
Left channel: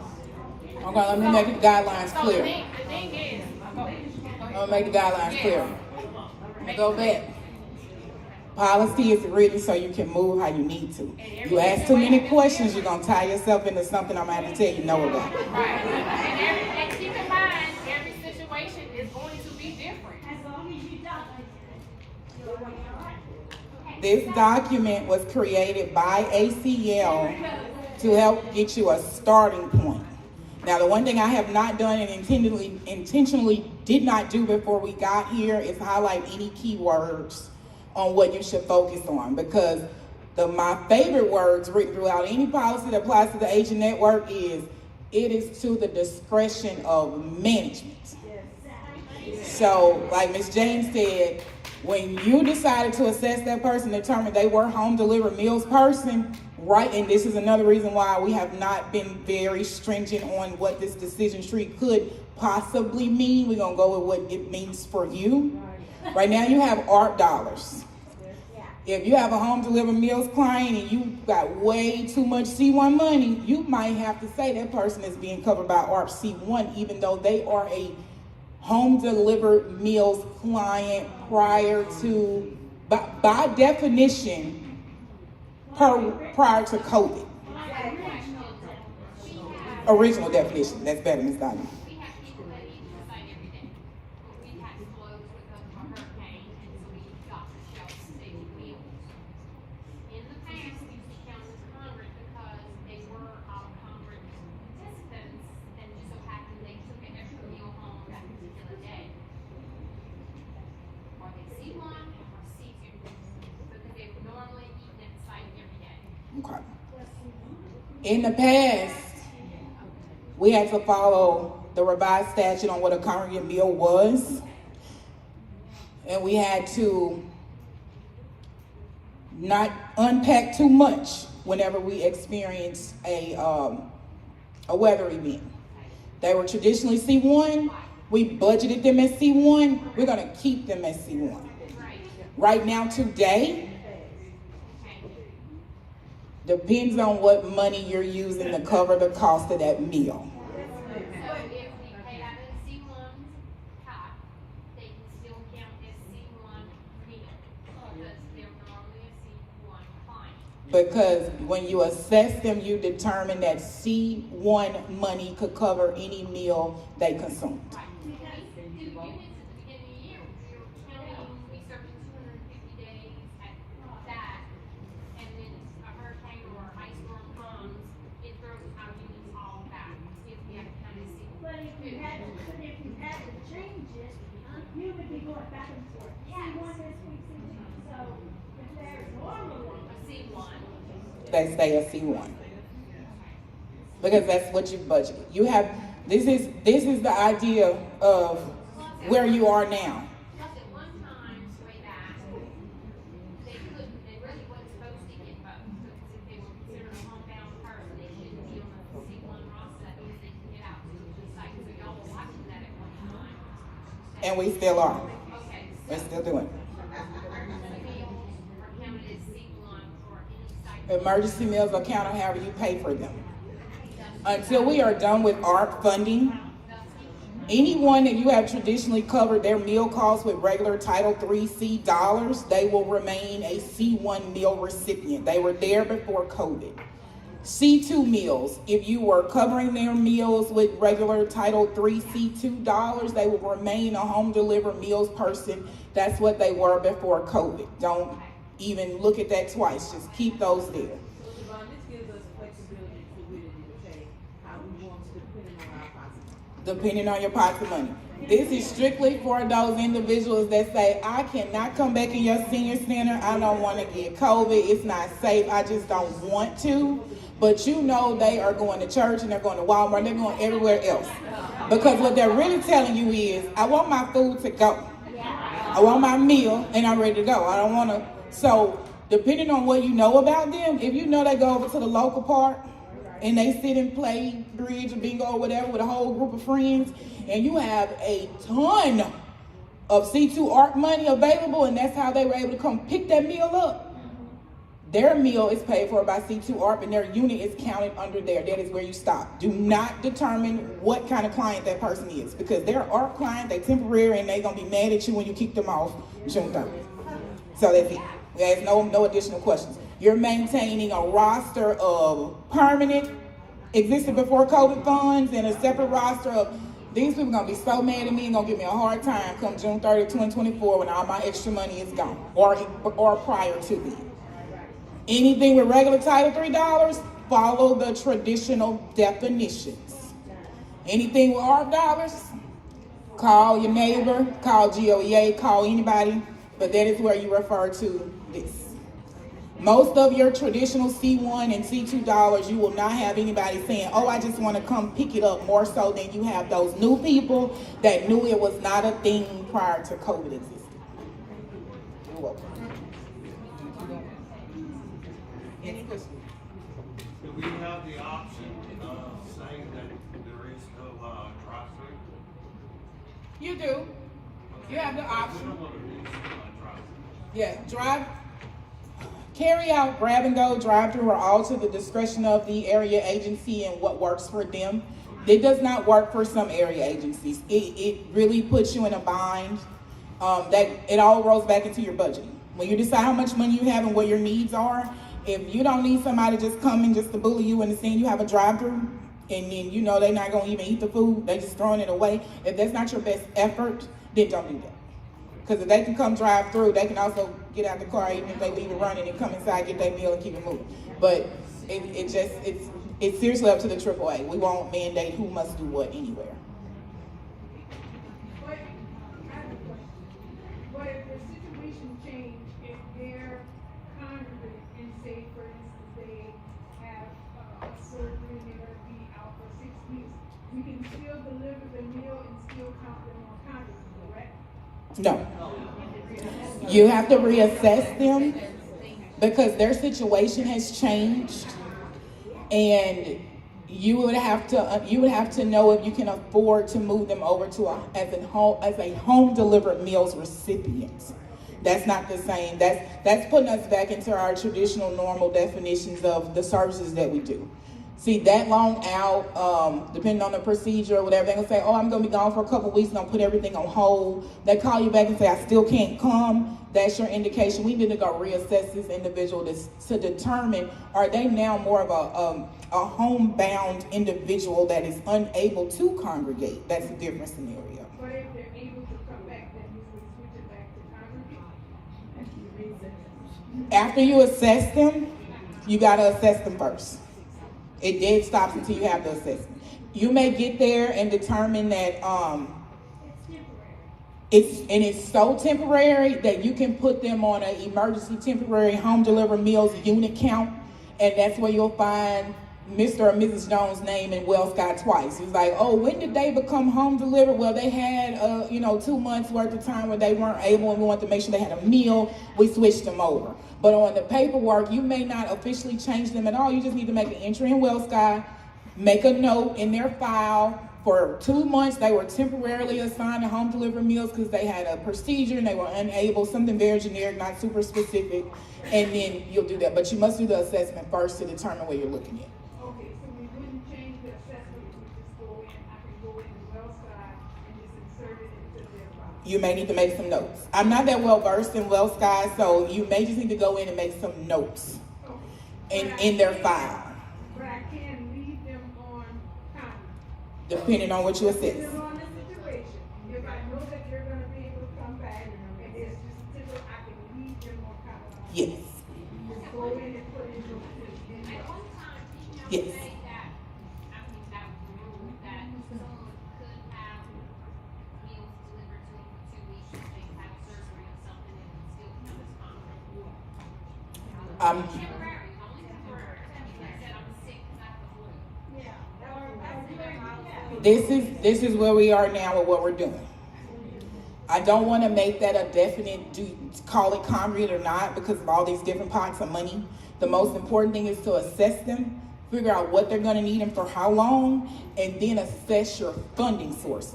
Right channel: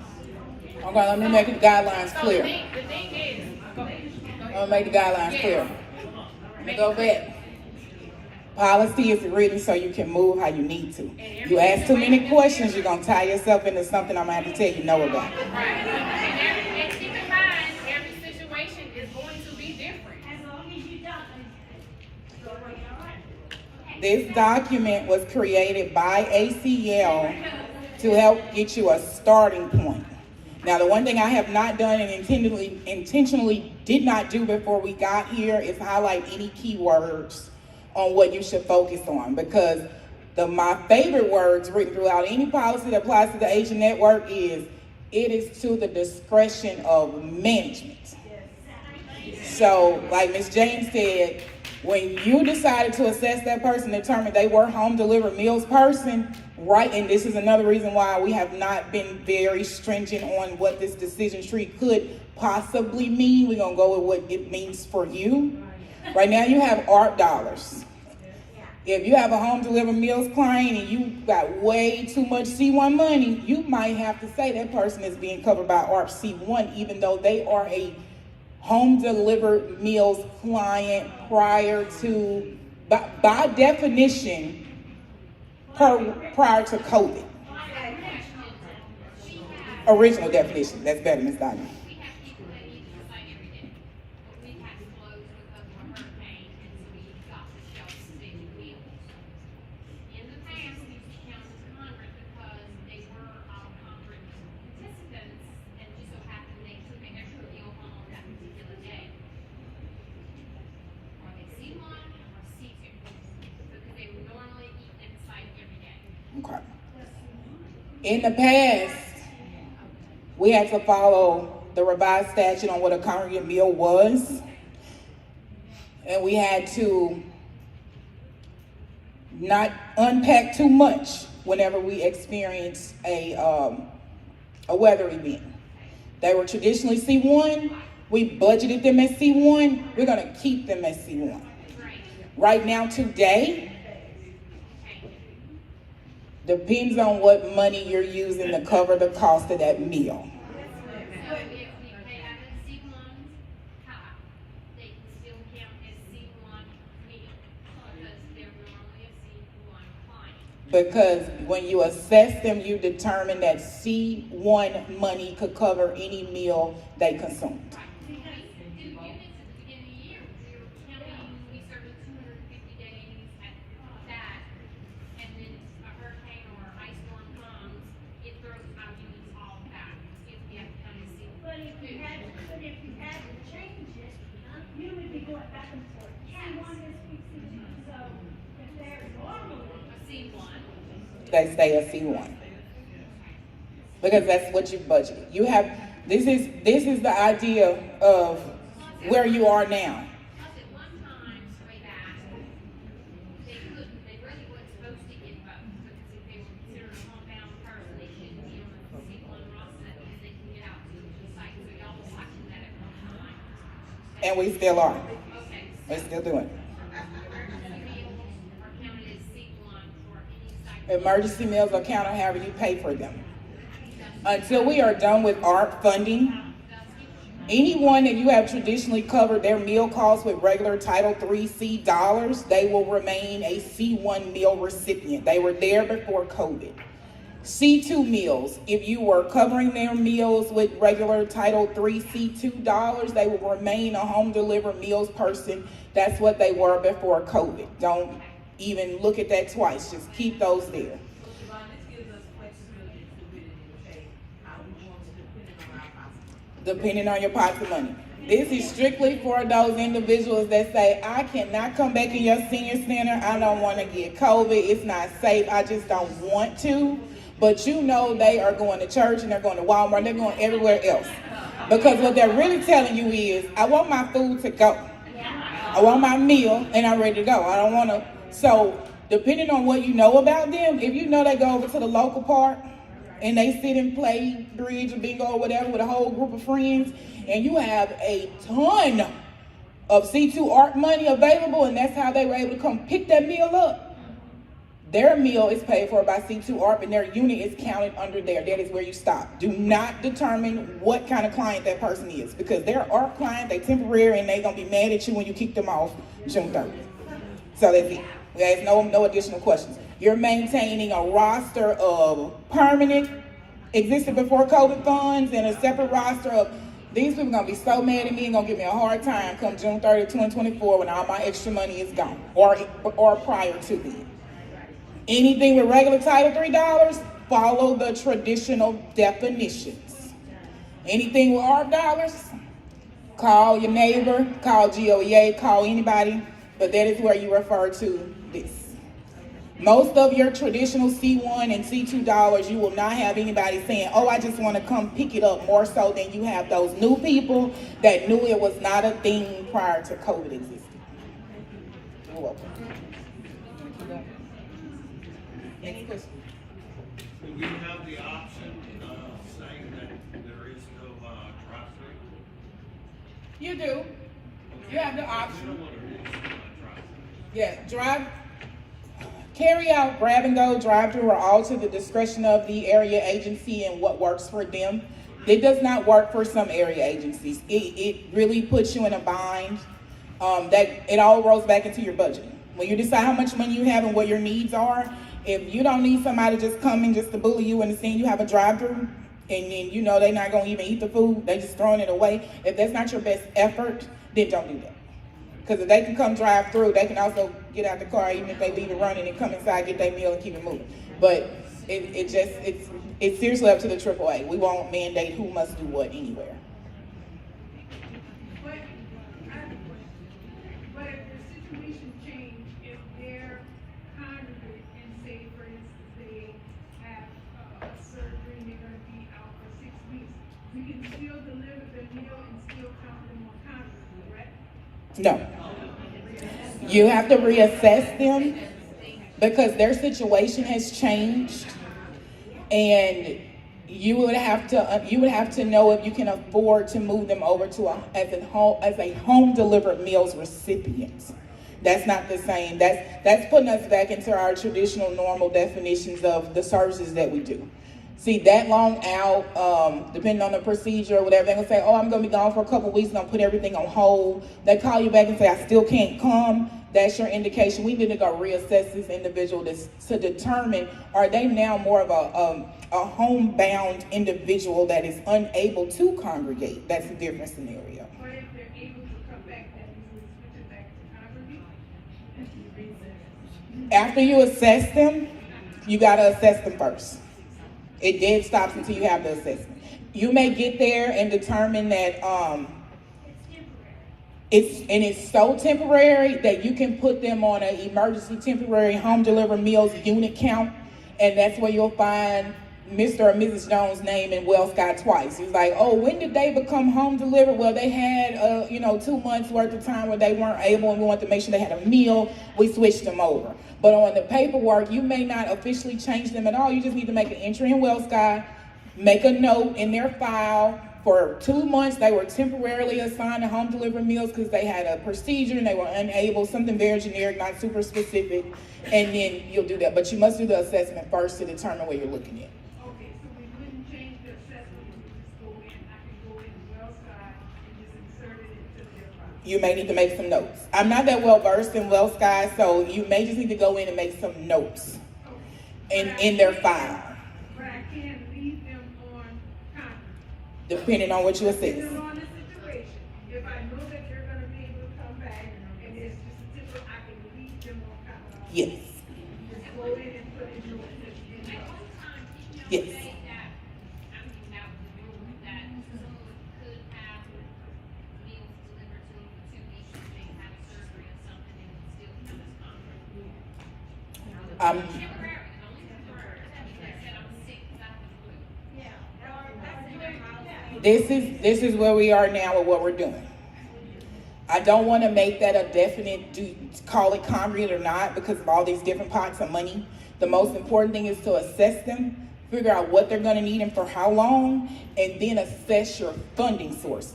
Okay, let me make the guidelines So clear. the thing is, go ahead. I'm gonna make the guidelines clear. Make Go back. Policy is written so you can move how you need to. You ask too many questions, you're gonna tie yourself into something I'm gonna have to tell you no about. Right. And keep in mind, every situation is going to be different. As long as you don't. This document was created by ACL to help get you a starting point. Now, the one thing I have not done and intentionally did not do before we got here is highlight any keywords on what you should focus on, because my favorite words written throughout any policy that applies to the agent network is, it is to the discretion of management. So, like Ms. James said, when you decided to assess that person, determine they were home delivered meals person, right? And this is another reason why we have not been very stringent on what this decision tree could possibly mean. We're gonna go with what it means for you. Right now you have ARP dollars. If you have a home delivered meals client and you got way too much C1 money, you might have to say that person is being covered by ARP C1, even though they are a home delivered meals client prior to, by definition, prior to COVID. Original definition, that's better, Ms. Donna. We have people that need to sign every day. We had to close because of a hurricane, and so we got the shelves fixed meals. In the past, we used to count as congress because they were our congress participants, and just so happened they took an extra meal home that particular day. Are they C1 or C2? Because they were normally eating at the site every day. Okay. In the past, we had to follow the revised statute on what a congregate meal was. And we had to not unpack too much whenever we experienced a weather event. They were traditionally C1. We budgeted them as C1. We're gonna keep them as C1. Right now, today, depends on what money you're using to cover the cost of that meal. So if we pay out of the C1 pot, they can still count as C1 meal, because they're normally a C1 client. Because when you assess them, you determine that C1 money could cover any meal they consumed. Right. We do units at the beginning of the year, we were counting, we served 250 days at that, and then a hurricane or ice storm comes, it throws our units all back, if we have to count as C1. But if you had to change it, you would be going back and forth. Yes. C1 is C2. So if they're normally A C1. They stay a C1. Because that's what you budgeted. You have, this is the idea of where you are now. Plus at one time, way back, they really wasn't supposed to get both, because if they were considered a homebound person, they shouldn't be on the C1 roster, because they can get out to the site, so y'all were watching that at one time. And we still are. Okay, We're so still doing it. emergency meals are counted as C1 for any site. Emergency meals are counted however you pay for them. Until we are done with ARP funding, anyone that you have traditionally covered their meal costs with regular Title III dollars, they will remain a C1 meal recipient. They were there before COVID. C2 meals, if you were covering their meals with regular Title III C2 dollars, they will remain a home delivered meals person. That's what they were before COVID. Don't even look at that twice. Just keep those there. So Devon, this gives us flexibility to really dictate how we want to depend on our policy. depending on your pocket money. This is strictly for those individuals that say, I cannot come back in your senior center. I don't want to get COVID. It's not safe. I just don't want to. But you know they are going to church and they're going to Walmart. They're going everywhere else. Because what they're really telling you is, I want my food to go. I want my meal and I'm ready to go. I don't want to. So depending on what you know about them, if you know they go over to the local park and they sit and play bridge or bingo or whatever with a whole group of friends, and you have a ton of C2 art money available, and that's how they were able to come pick that meal up. Their meal is paid for by C2 ARP and their unit is counted under there. That is where you stop. Do not determine what kind of client that person is, because they're ARP client, they're temporary, and they're gonna be mad at you when you kick them off June 30th. So that's it. There's no additional questions. You're maintaining a roster of permanent, existed before COVID funds, and a separate roster of, these people gonna be so mad at me and gonna give me a hard time come June 30th, 2024 when all my extra money is gone, or prior to then. Anything with regular Title $3, follow the traditional definitions. Anything with ARP dollars, call your neighbor, call GOEA, call anybody, but that is where you refer to this. Most of your traditional C1 and C2 dollars, you will not have anybody saying, oh, I just want to come pick it up, more so than you have those new people that knew it was not a thing prior to COVID existing. You're welcome. Next question. Do we have the option of saying that there is no drive-through? You do. You have the We option. don't want to do drive-through. Yeah, carry out, grab and go, drive through are all to the discretion of the area agency and what works for them. It does not work for some area agencies. It really puts you in a bind. That it all rolls back into your budget. When you decide how much money you have and what your needs are, if you don't need somebody just coming just to bully you and seeing you have a drive-through, and then you know they're not gonna even eat the food, they just throwing it away. If that's not your best effort, then don't do that. Because if they can come drive through, they can also get out the car, even if they leave it running, and come inside, get their meal, and keep it moving. But it's seriously up to the AAA. We won't mandate who must do what anywhere. But I have a question. But if the situation changed, if they're congregate and say, for instance, they have surgery and they're gonna be out for 6 weeks, you can still deliver the meal and still count them on congregate, correct? No. You have to reassess them because their situation has changed, and you would have to know if you can afford to move them over to as a home delivered meals recipient. That's not the same. That's putting us back into our traditional normal definitions of the services that we do. See, that long out, depending on the procedure or whatever, they're gonna say, oh, I'm gonna be gone for a couple weeks, gonna put everything on hold. They call you back and say, I still can't come. That's your indication. We need to go reassess this individual to determine, are they now more of a homebound individual that is unable to congregate? That's a different scenario. But if they're able to come back, then we would switch it back to congregate. After you assess them, you gotta assess them first. It dead stops until you have the assessment. You may get there and determine that it's so temporary that you can put them on an emergency temporary home delivered meals unit count, and that's where you'll find Mr. or Mrs. Jones' name in WellSky twice. He's like, oh, when did they become home delivered? Well, they had 2 months worth of time where they weren't able, and we want to make sure they had a meal. We switched them over. But on the paperwork, you may not officially change them at all. You just need to make an entry in WellSky, make a note in their file. For 2 months, they were temporarily assigned to home delivered meals because they had a procedure and they were unable, something very generic, not super specific, and then you'll do that. But you must do the assessment first to determine what you're looking at. Okay, so we wouldn't change the assessment, we would just go in, I can go in the well side and just insert it into their file. You may need to make some notes. I'm not that well versed in WellSky, so you may just need to go in and make some notes in their file, But I can't leave them on congregate. depending on what you assess. Depending on the situation, if I know that they're gonna be able to come back, and it's just a typical, I can leave them on congregate. Yes. Just go in and put it in. At one time, didn't Yes. you say that, I mean, that was the rule that someone could I'm, Temporary, only temporary. That said I'm sick without the flu. this is where we are now with what we're doing. I don't want to make that a definite, call it concrete or not, because of all these different pots of money. The most important thing is to assess them, figure out what they're going to need and for how long, and then assess your funding sources.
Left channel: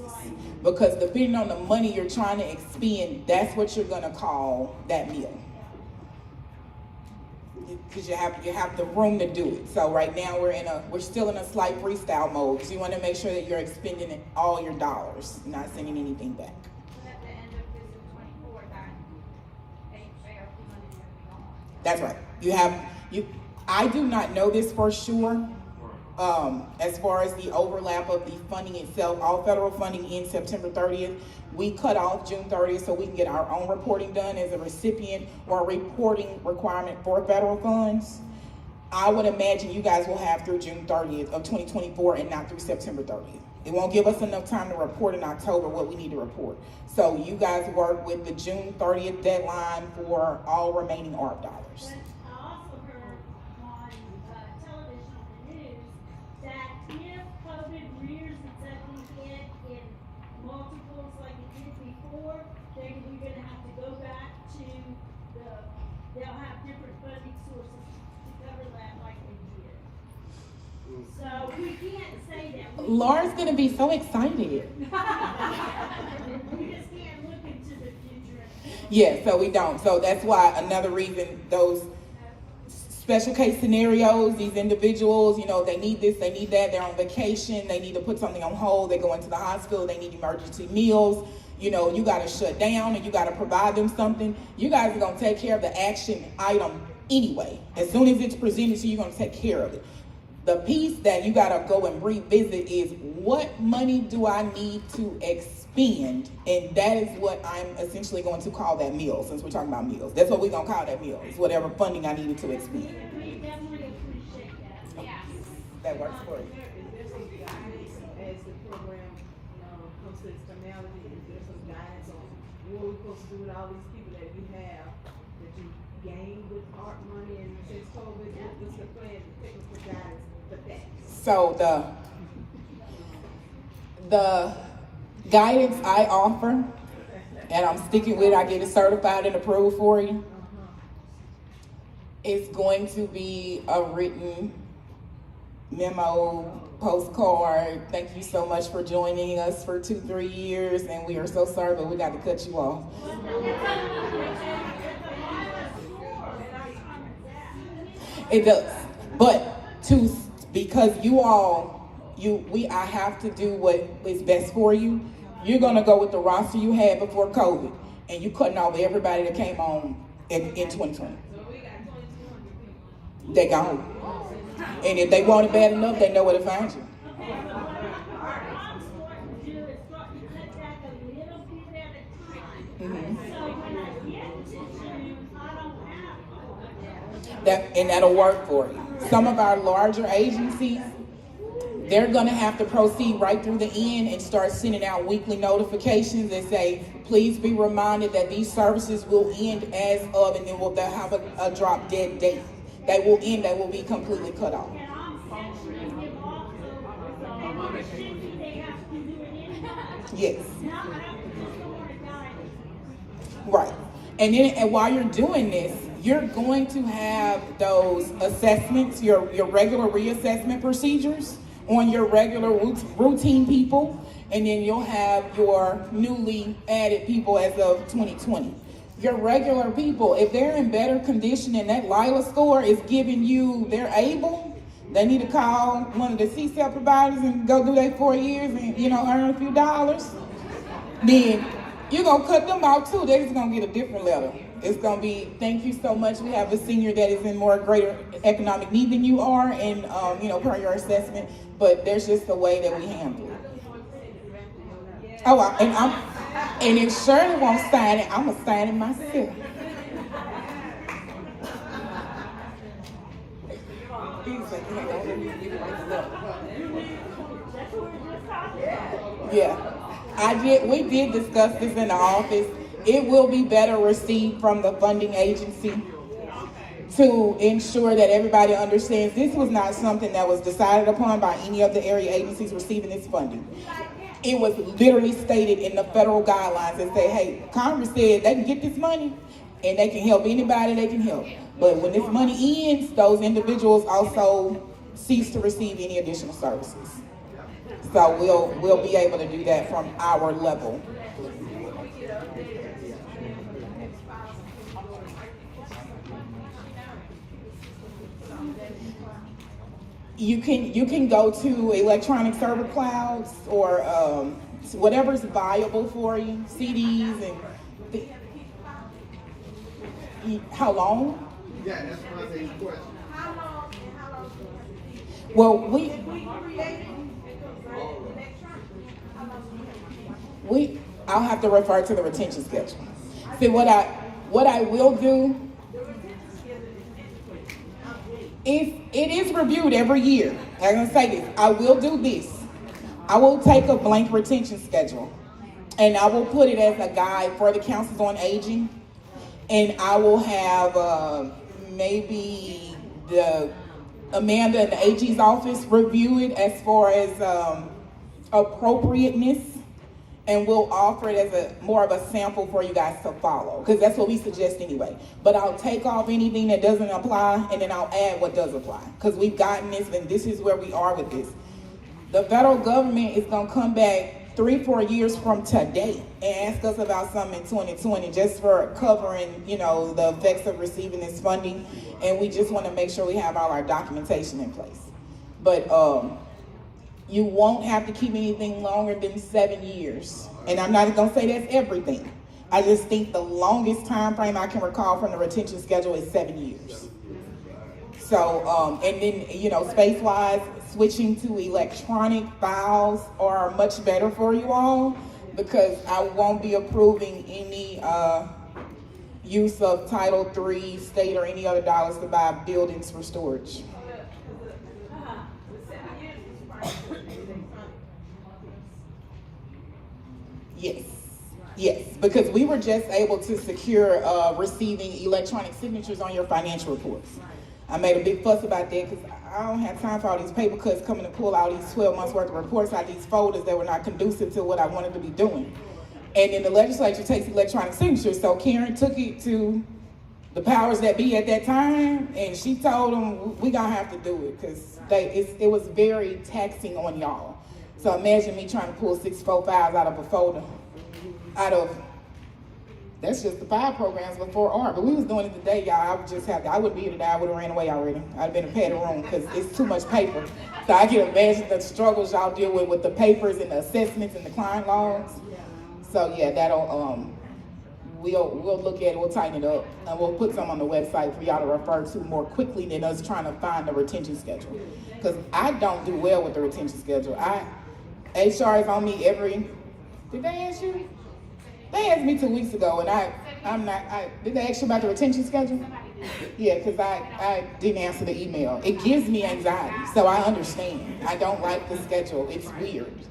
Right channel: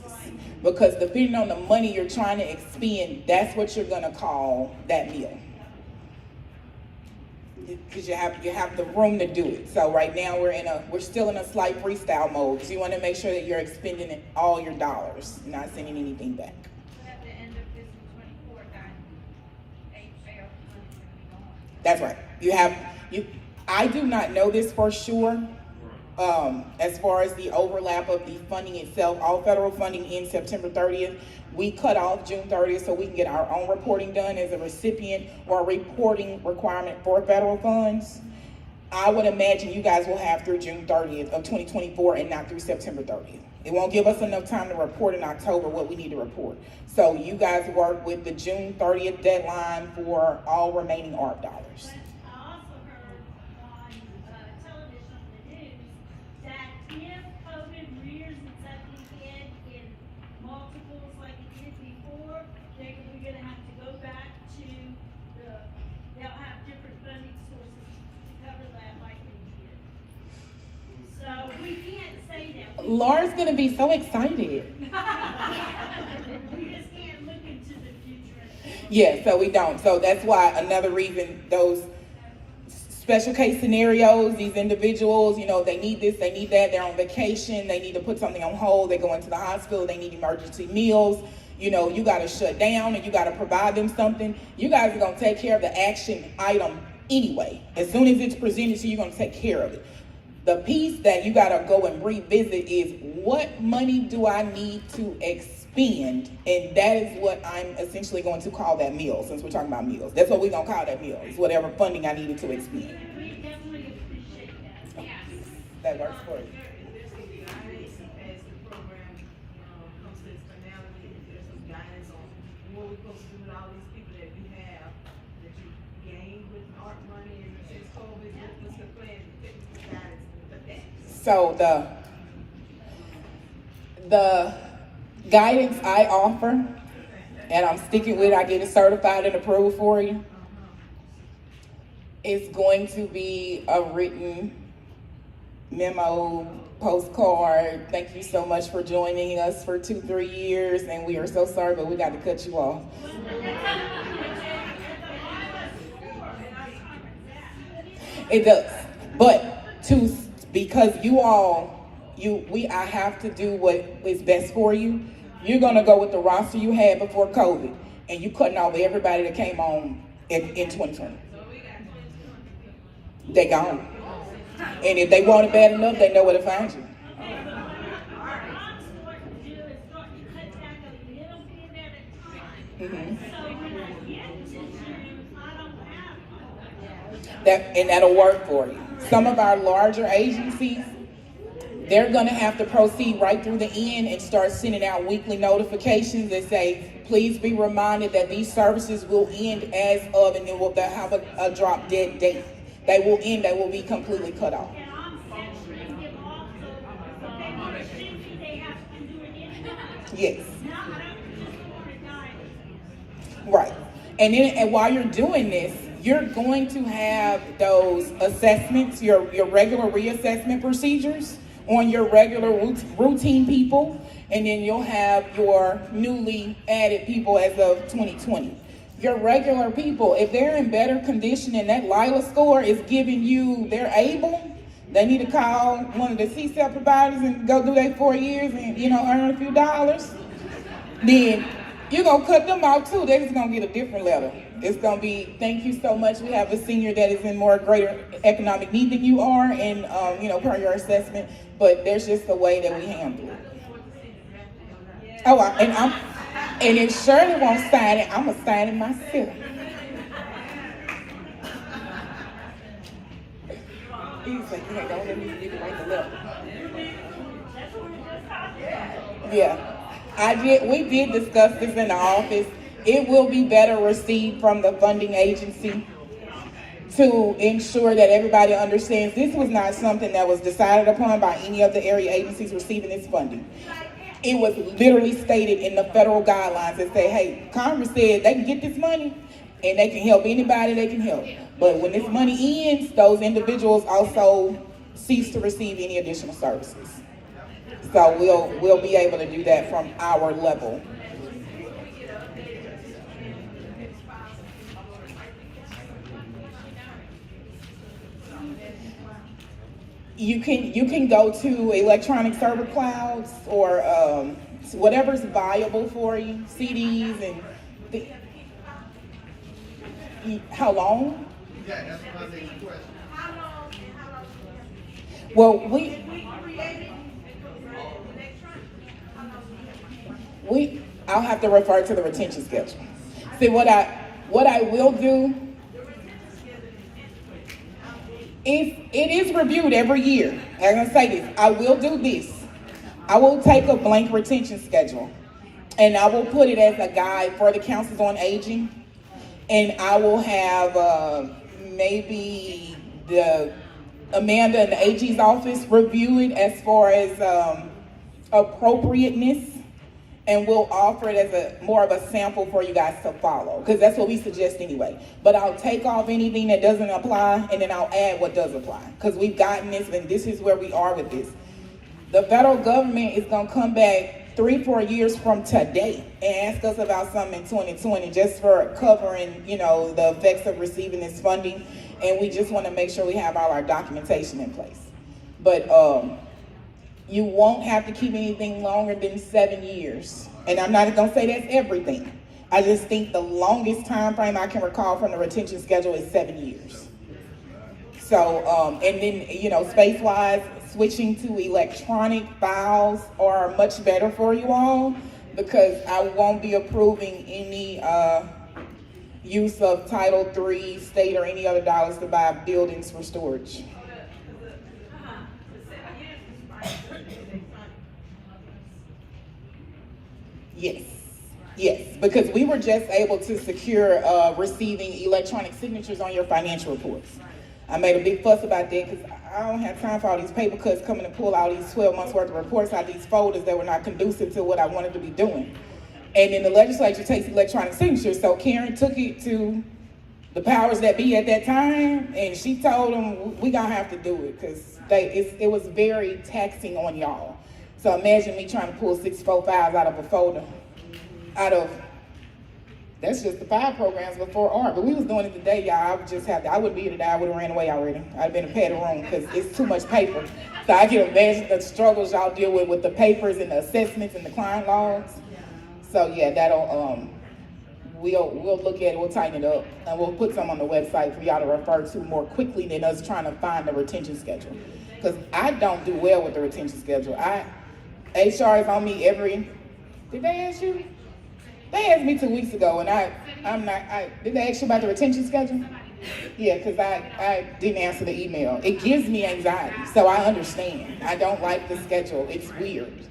Because depending on the money you're trying to expend, that's what you're going to call that meal. Because you have the room to do it. So right now we're still in a slight freestyle mode, because you want to make sure that you're expending all your dollars, not sending anything back. At the end of fiscal 24, that AR money is gonna be gone. That's right. I do not know this for sure. As far as the overlap of the funding itself, all federal funding ends September 30th. We cut off June 30th so we can get our own reporting done as a recipient or a reporting requirement for federal funds. I would imagine you guys will have through June 30th of 2024 and not through September 30th. It won't give us enough time to report in October what we need to report. So you guys work with the June 30th deadline for all remaining ARP dollars. But I also heard on television on the news that if COVID rears its ugly head in multiples like it did before, we're gonna have to go back to they'll have different funding sources to cover that like we did. So we can't say that. Laura's gonna be so excited. We just can't look into the future. Yeah, so we don't. So that's why another reason those special case scenarios, these individuals, they need this, they need that, they're on vacation, they need to put something on hold, they go into the hospital, they need emergency meals, you gotta shut down and you gotta provide them something. You guys are gonna take care of the action item anyway. As soon as it's presented to you, you're gonna take care of it. The piece that you gotta go and revisit is, what money do I need to expend? And that is what I'm essentially going to call that meal, since we're talking about meals. That's what we're gonna call that meal, is whatever funding I needed to expend. We definitely appreciate that. Yeah. That works for you. There's some guidance as the program comes to its finality. There's some guidance on what we're supposed to do with all these people that we have that you gained with art money and since COVID. What's the plan, the technical guidance for that? So the guidance I offer, and I'm sticking with, I get it certified and approved for you, is going to be a written memo, postcard. Thank you so much for joining us for 2-3 years, and we are so sorry, but we got to cut you off. It does, but because I have to do what is best for you. You're gonna go with the roster you had before COVID, and you cutting off everybody that came on in 2020. They gone, and if they want it bad enough, they know where to find you. That'll work for you. Some of our larger agencies, they're going to have to proceed right through the end and start sending out weekly notifications that say, please be reminded that these services will end as of, and then they'll have a drop dead date. They will end, they will be completely cut off. And I'm censoring them also, if they want to sue you, they have to do it anyhow. Yes. No, I just don't want to die. Right. And while you're doing this, you're going to have those assessments, your regular reassessment procedures on your regular routine people, and then you'll have your newly added people as of 2020. Your regular people, if they're in better condition and that LILA score is giving you they're able, they need to call one of the CSEP providers and go do that 4 years and earn a few dollars. Then you're gonna cut them out too. They're just gonna get a different letter. It's gonna be, thank you so much. We have a senior that is in more greater economic need than you are, and per your assessment. But there's just a way that we handle it. Oh, and if Shirley won't sign it, I'm gonna sign it myself. Yeah, we did discuss this in the office. It will be better received from the funding agency. to ensure that everybody understands this was not something that was decided upon by any of the area agencies receiving this funding. It was literally stated in the federal guidelines that say, hey, Congress said they can get this money and they can help anybody they can help. But when this money ends, those individuals also cease to receive any additional services. So we'll be able to do that from our level. You can go to electronic server clouds or whatever's viable for you, CDs and how long? Yeah, that's my main question. How long and how long? Well, We created electronic. I'll have to refer to the retention schedule. See what I will do. If it is reviewed every year, I'm gonna say this, I will do this. I will take a blank retention schedule and I will put it as a guide for the councils on aging. And I will have maybe the Amanda in the AG's office review it as far as appropriateness, and we'll offer it as a more of a sample for you guys to follow, because that's what we suggest anyway. But I'll take off anything that doesn't apply, and then I'll add what does apply, because we've gotten this, and this is where we are with this. The federal government is going to come back 3-4 years from today and ask us about something in 2020 just for covering, the effects of receiving this funding. And we just want to make sure we have all our documentation in place. But you won't have to keep anything longer than 7 years. And I'm not going to say that's everything. I just think the longest time frame I can recall from the retention schedule is 7 years. So, and then, space-wise, switching to electronic files are much better for you all, because I won't be approving any use of Title III, state, or any other dollars to buy buildings for storage. Yes, because we were just able to secure receiving electronic signatures on your financial reports. I made a big fuss about that because I don't have time for all these paper cuts coming to pull all these 12 months worth of reports out of these folders that were not conducive to what I wanted to be doing. And then the legislature takes electronic signatures. So Karen took it to the powers that be at that time, and she told them, we gonna have to do it, because it was very taxing on y'all. So imagine me trying to pull 6 files out of a folder, that's just the 5 programs before art. But we was doing it today, y'all. I would be here today. I would have ran away already. I'd been in a padded room because it's too much paper. So I can imagine the struggles y'all deal with the papers and the assessments and the client logs. So yeah, that'll we'll look at it. We'll tighten it up, and we'll put some on the website for y'all to refer to more quickly than us trying to find the retention schedule. Because I don't do well with the retention schedule. HR is on me every. Did they ask you? They asked me 2 weeks ago, and did they ask you about the retention schedule? Yeah, because I didn't answer the email. It gives me anxiety, so I understand. I don't like the schedule. It's weird.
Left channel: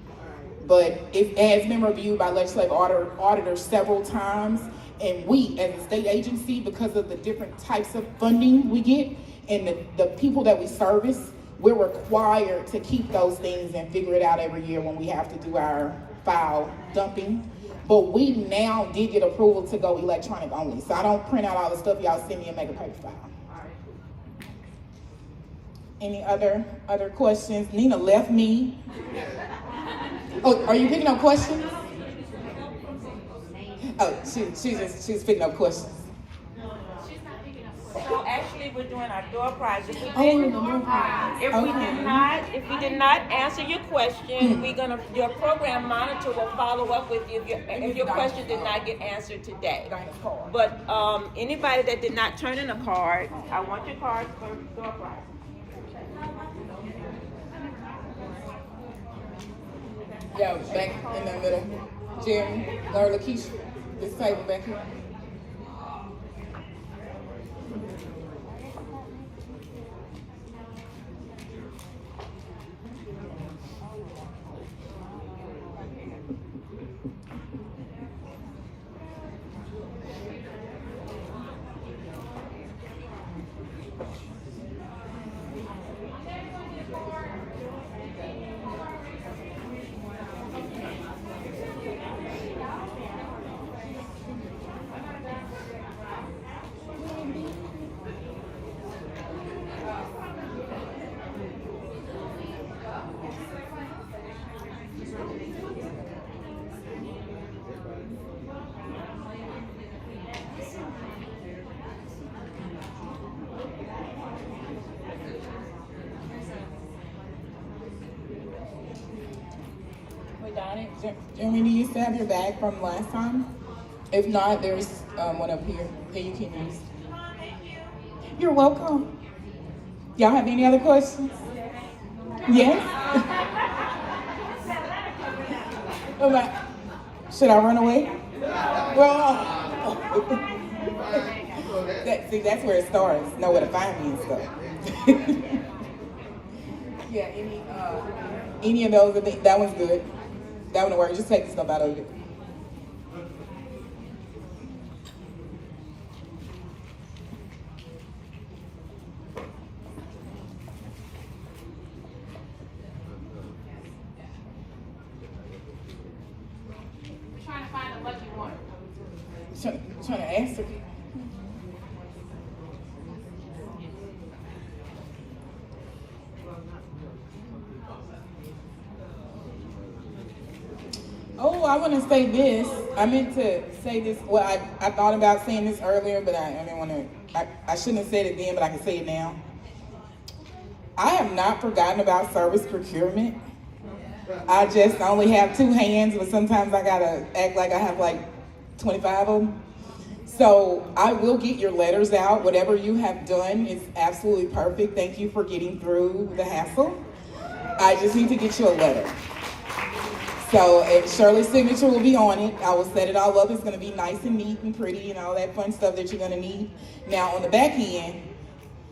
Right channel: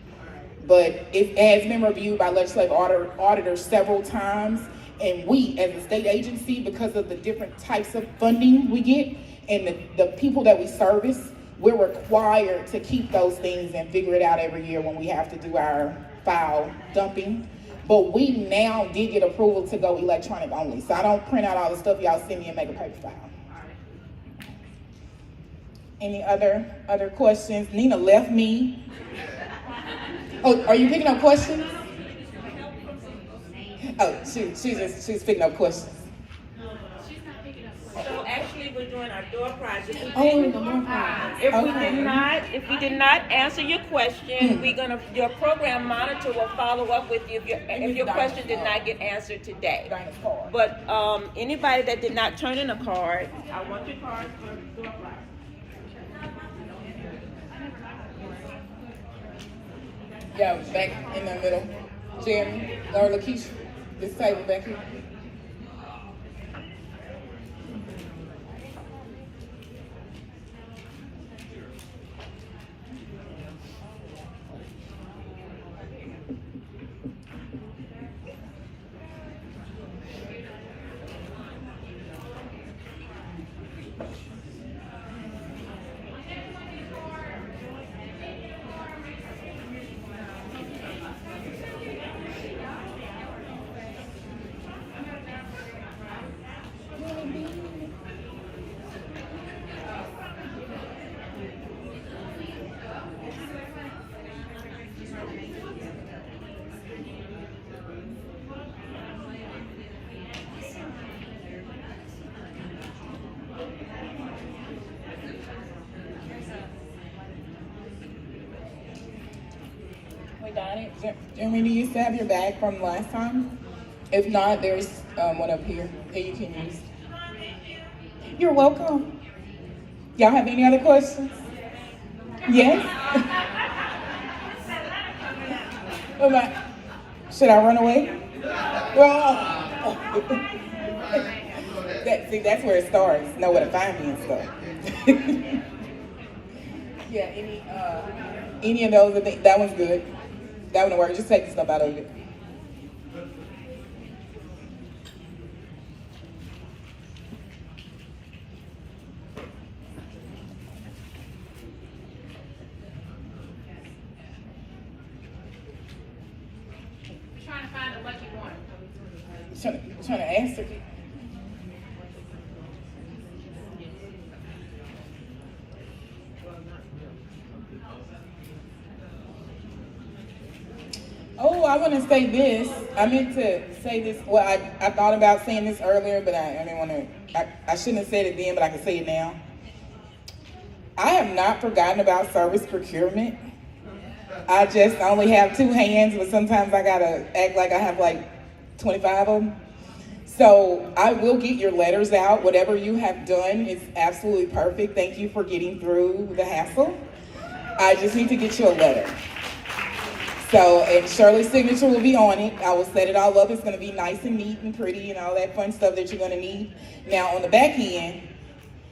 But it has been reviewed by legislative auditors several times, and we, as a state agency, because of the different types of funding we get and the people that we service, we're required to keep those things and figure it out every year when we have to do our file dumping. But we now did get approval to go electronic only. So I don't print out all the stuff y'all send me and make a paper file. Any other questions? Nina left me. Oh, are you picking up questions? Oh, she's picking up questions. So actually, we're doing our door project. If If we did not answer your question, your program monitor will follow up with you if your question did not get answered today. But anybody that did not turn in a card, I want your card for door project. Yeah, back in the middle. Jeremy, Laura, Lakeisha, this table back here. Jeremy, do you still have your bag from last time? If not, there's one up here that you can use. You're welcome. Y'all have any other questions? Yes? Oh my, should I run away? Well, that's where it starts. Know where to find me and stuff. Yeah, any of those, I think that one's good. That one works. Just take the stuff out of it. We're trying to find a lucky one. Trying to answer. Oh, I want to say this. I meant to say this. Well, I thought about saying this earlier, but I didn't want to. I shouldn't have said it then, but I can say it now. I have not forgotten about service procurement. I just only have 2 hands, but sometimes I gotta act like I have like 25 of them. So I will get your letters out. Whatever you have done is absolutely perfect. Thank you for getting through the hassle. I just need to get you a letter. So Shirley's signature will be on it. I will set it all up. It's going to be nice and neat and pretty and all that fun stuff that you're going to need. Now on the back end,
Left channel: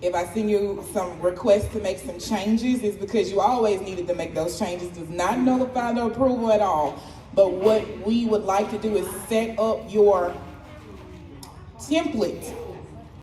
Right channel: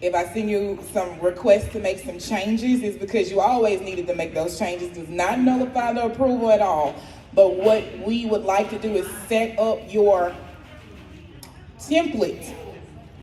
if I send you some requests to make some changes, it's because you always needed to make those changes. Does not nullify the approval at all. But what we would like to do is set up your template